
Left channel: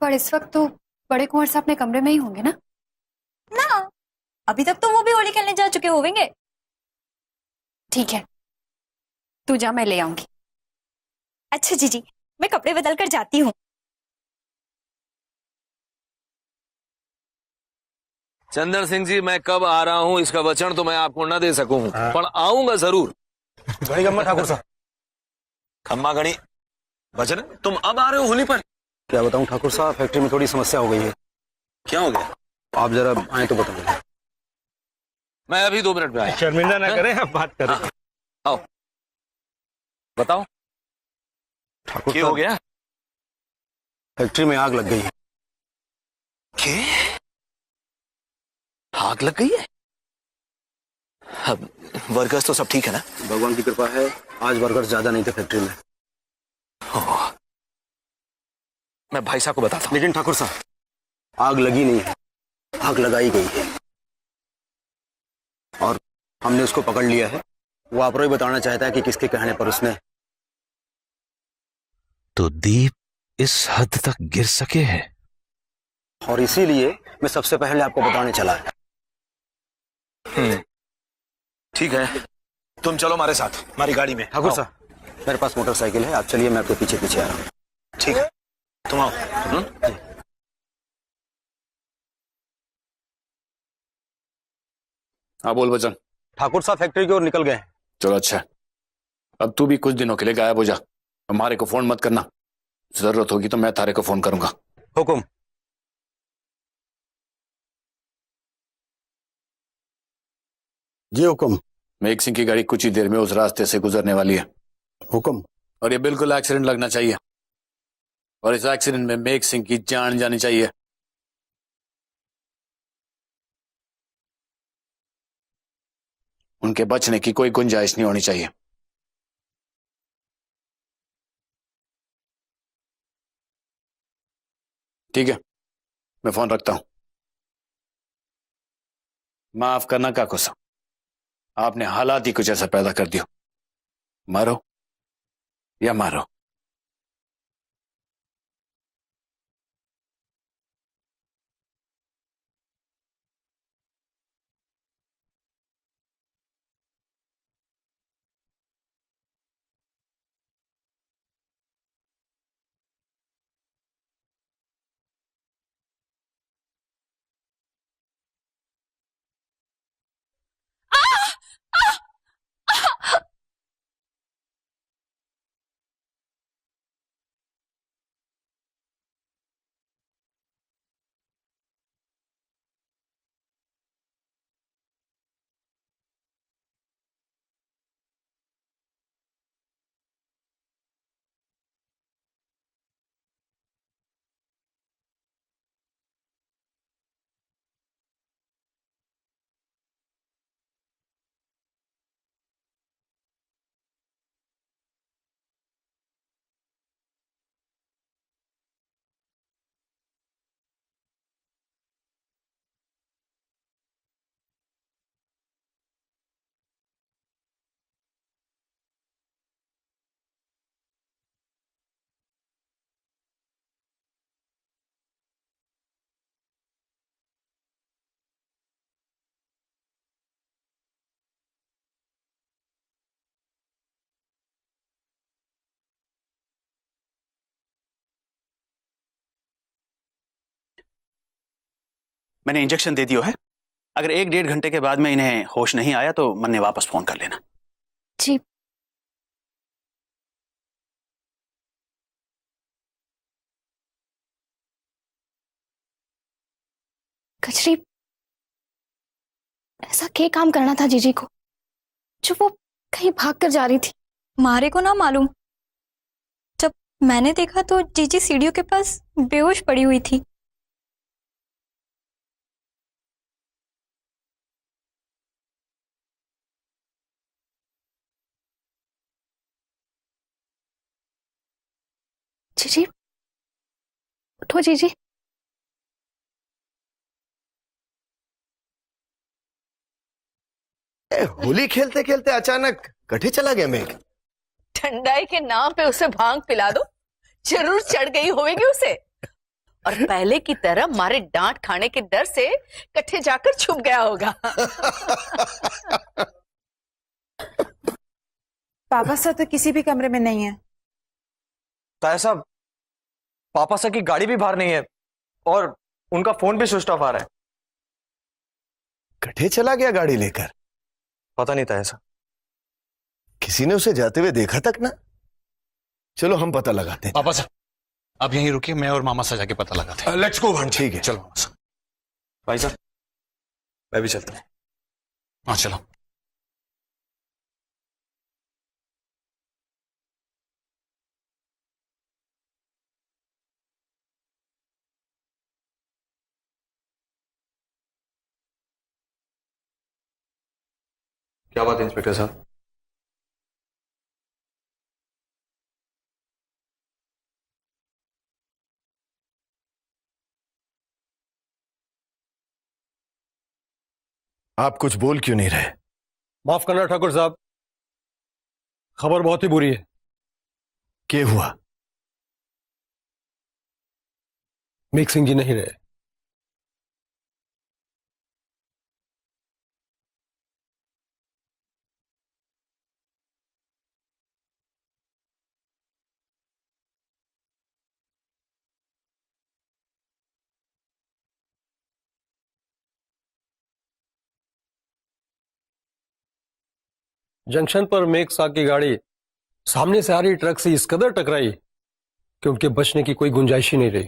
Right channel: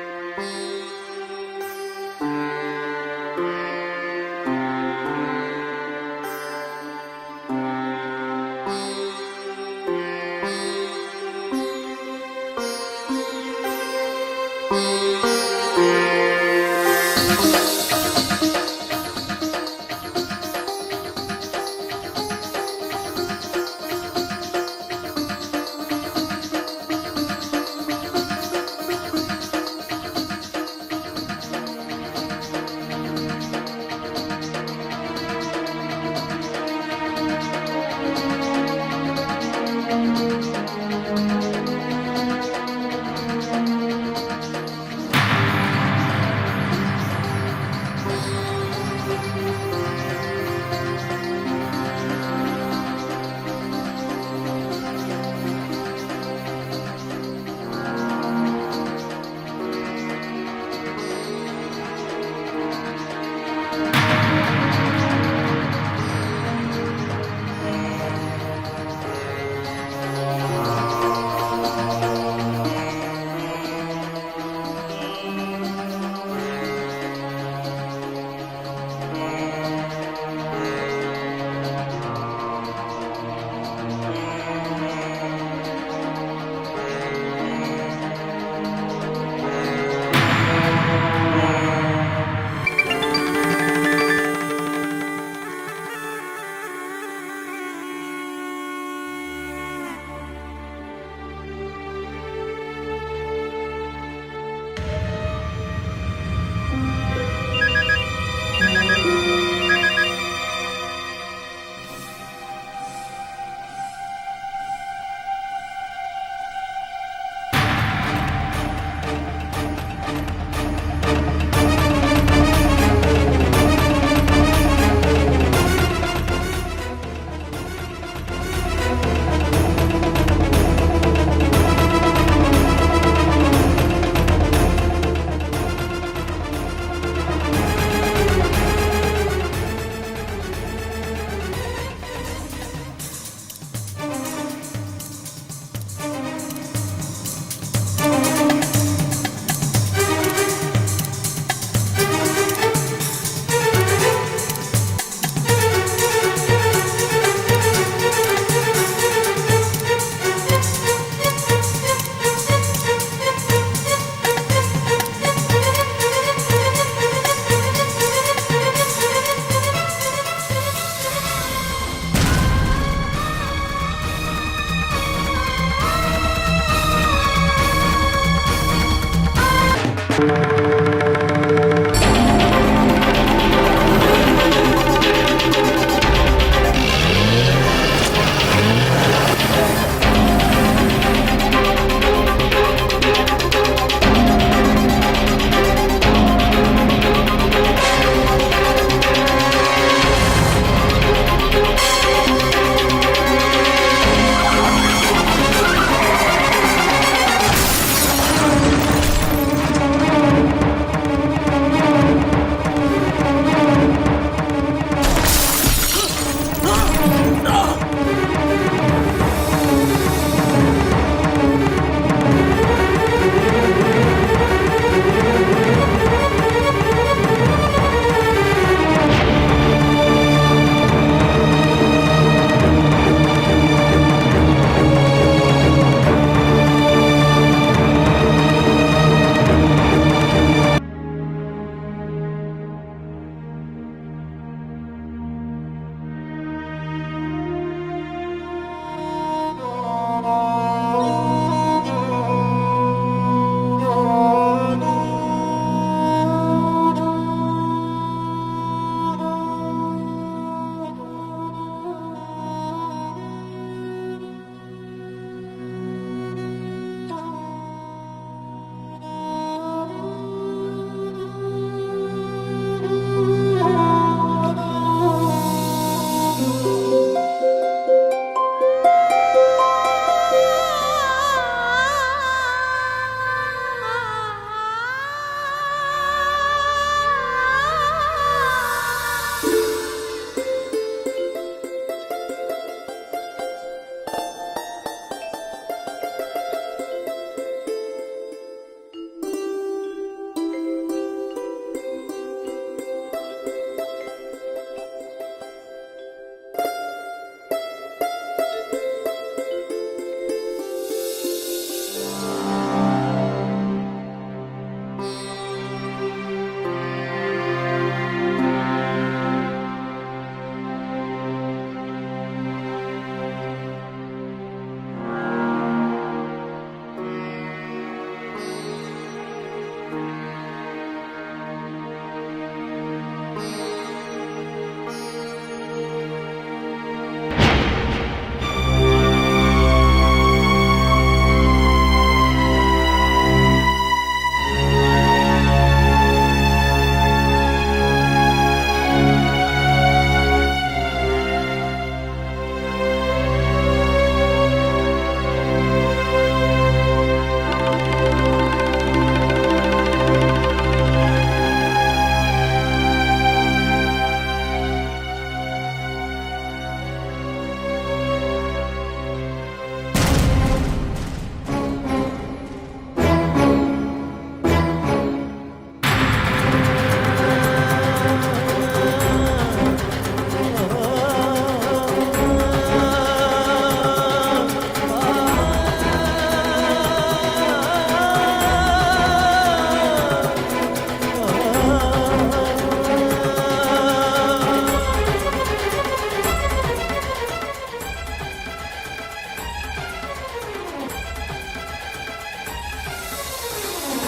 पर इस वक्त तो बड़े कुंवर साहब अपने कमरे में ही होंगे ना? ना, अभी तक तो वो भी होली खेलने जा चुके होंगे। ठीक है, तू जा, मैं ले आऊंगी। अच्छा जीजी, मैं कपड़े बदल कर जाती हूँ। चंदन सिंह जी, मैं कब आ रहा हूँ इसका वचन तो मैं आपको न दे सकूं, पर आऊंगा जरूर। ठाकुर साहब, अम्मा गणी वचन, तुम अब आ रहे हो होली पर? क्या बताऊं ठाकुर साहब, फैक्ट्री में थोड़ी समस्या हो गई है। क्या हो गया? आप जरा आए तो बताओ। मैं अभी 2 मिनट में आया। शर्मिंदा ना करें, हम बात करें। आओ, बताओ क्या हो गया? फैक्ट्री में आग लग गई है। आग लग गई है? अब वर्कर्स तो सब ठीक है ना? भगवान की कृपा है, आज वर्कर्स ज्यादा नहीं थे फैक्ट्री में। मैं भाई साहब को बताता हूँ। लेकिन ठाकुर साहब, आग लगी नहीं है, आग लगाई गई है और हमने उसको पकड़ लिया है। वो आप ही बताना चाहता है कि किसके कहने पर उसने। तो दीप इस हद तक गिर सके हैं, और इसीलिए मैं सबसे पहले आपको बताने चला है। ठीक है, तुम चलो हमारे साथ, हमारी गाड़ी में। ठाकुर साहब, मेरे पास मोटरसाइकिल है, आप चलिए, मैं आपके पीछे पीछे आ रहा हूँ। ठीक है, तुम आओ। हाँ बोल वचन। ठाकुर साहब फैक्ट्री की ओर निकल गए। चलो अच्छा, अब तू भी कुछ दिनों के लिए गायब हो जा। हमारे को फोन मत करना, जरूरत होगी तो मैं तारे को फोन करूंगा। हुकुम। जी हुकुम। मेघ सिंह की गाड़ी कुछ ही देर में उस रास्ते से गुजरने वाली है। हुकुम। और ये बिल्कुल एक्सीडेंट लगना चाहिए, और इस एक्सीडेंट में मेघ सिंह की जान जानी चाहिए। उनके बचने की कोई गुंजाइश नहीं होनी चाहिए। ठीक है, मैं फोन रखता हूं। माफ करना काकुसा, आपने हालात ही कुछ ऐसा पैदा कर दिया। मारो या मारो। इंजेक्शन दे दियो है। अगर 1-1.5 घंटे के बाद में इन्हें होश नहीं आया तो मन्ने वापस फोन कर लेना। जी। कचरी, ऐसा क्या काम करना था जीजी को जो वो कहीं भाग कर जा रही थी? मारे को ना मालूम। जब मैंने देखा तो जीजी सीढ़ियों के पास बेहोश पड़ी हुई थी। जीजी, उठो जीजी। होली खेलते खेलते अचानक कठे चला गया मेघ। ठंडाई के नाम पे उसे भांग पिला दो, जरूर चढ़ गई होगी उसे। और पहले की तरह मारे डांट खाने के डर से कट्ठे जाकर छुप गया होगा। पापा सर तो किसी भी कमरे में नहीं है। ताया साहब, पापा सर की गाड़ी भी बाहर नहीं है और उनका फोन भी स्विच ऑफ आ रहा है। कठे चला गया गाड़ी लेकर? पता नहीं ताया साहब। किसी ने उसे जाते हुए देखा तक ना? चलो हम पता लगाते हैं। पापा साहब अब यहीं रुकिए, मैं और मामा से जाके पता लगाते हैं। लेट्स गो भान। ठीक है चलो। भाई साहब मैं भी चलता हूँ। हाँ चलो। क्या बात है इंस्पेक्टर साहब? आप कुछ बोल क्यों नहीं रहे? माफ करना ठाकुर साहब, खबर बहुत ही बुरी है। क्या हुआ? मेघ सिंह जी नहीं रहे। जंक्शन पर मेघ साहब की गाड़ी सामने से आ रही ट्रक से इस कदर टकराई कि उनके बचने की कोई गुंजाइश ही नहीं रही।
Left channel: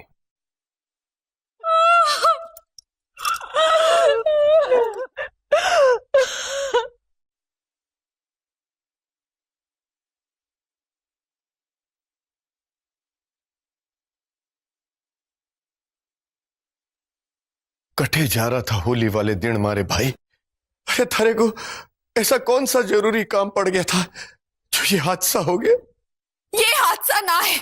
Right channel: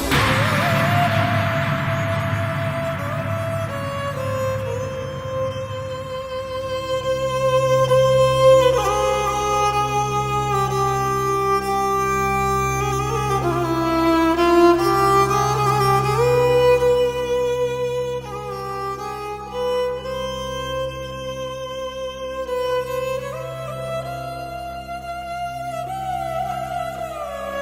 कठे जा रहा था होली वाले दिन मारे भाई। अरे थारे को ऐसा कौन सा जरूरी काम पड़ गया था जो ये हादसा हो गया? ये हादसा ना है।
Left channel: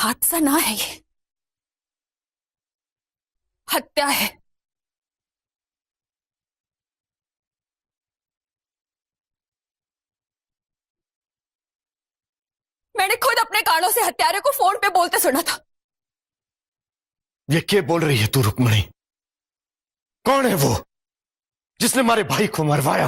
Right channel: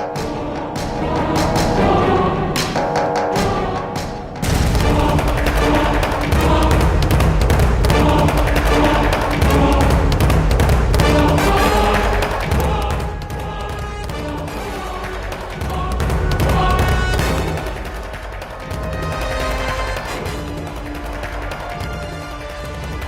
हादसा ना है, ये हत्या है। मैंने खुद अपने कानों से हत्यारे को फोन पे बोलते सुना था। ये क्या बोल रही है तू रुक्मणी? कौन है वो जिसने हमारे भाई को मरवाया?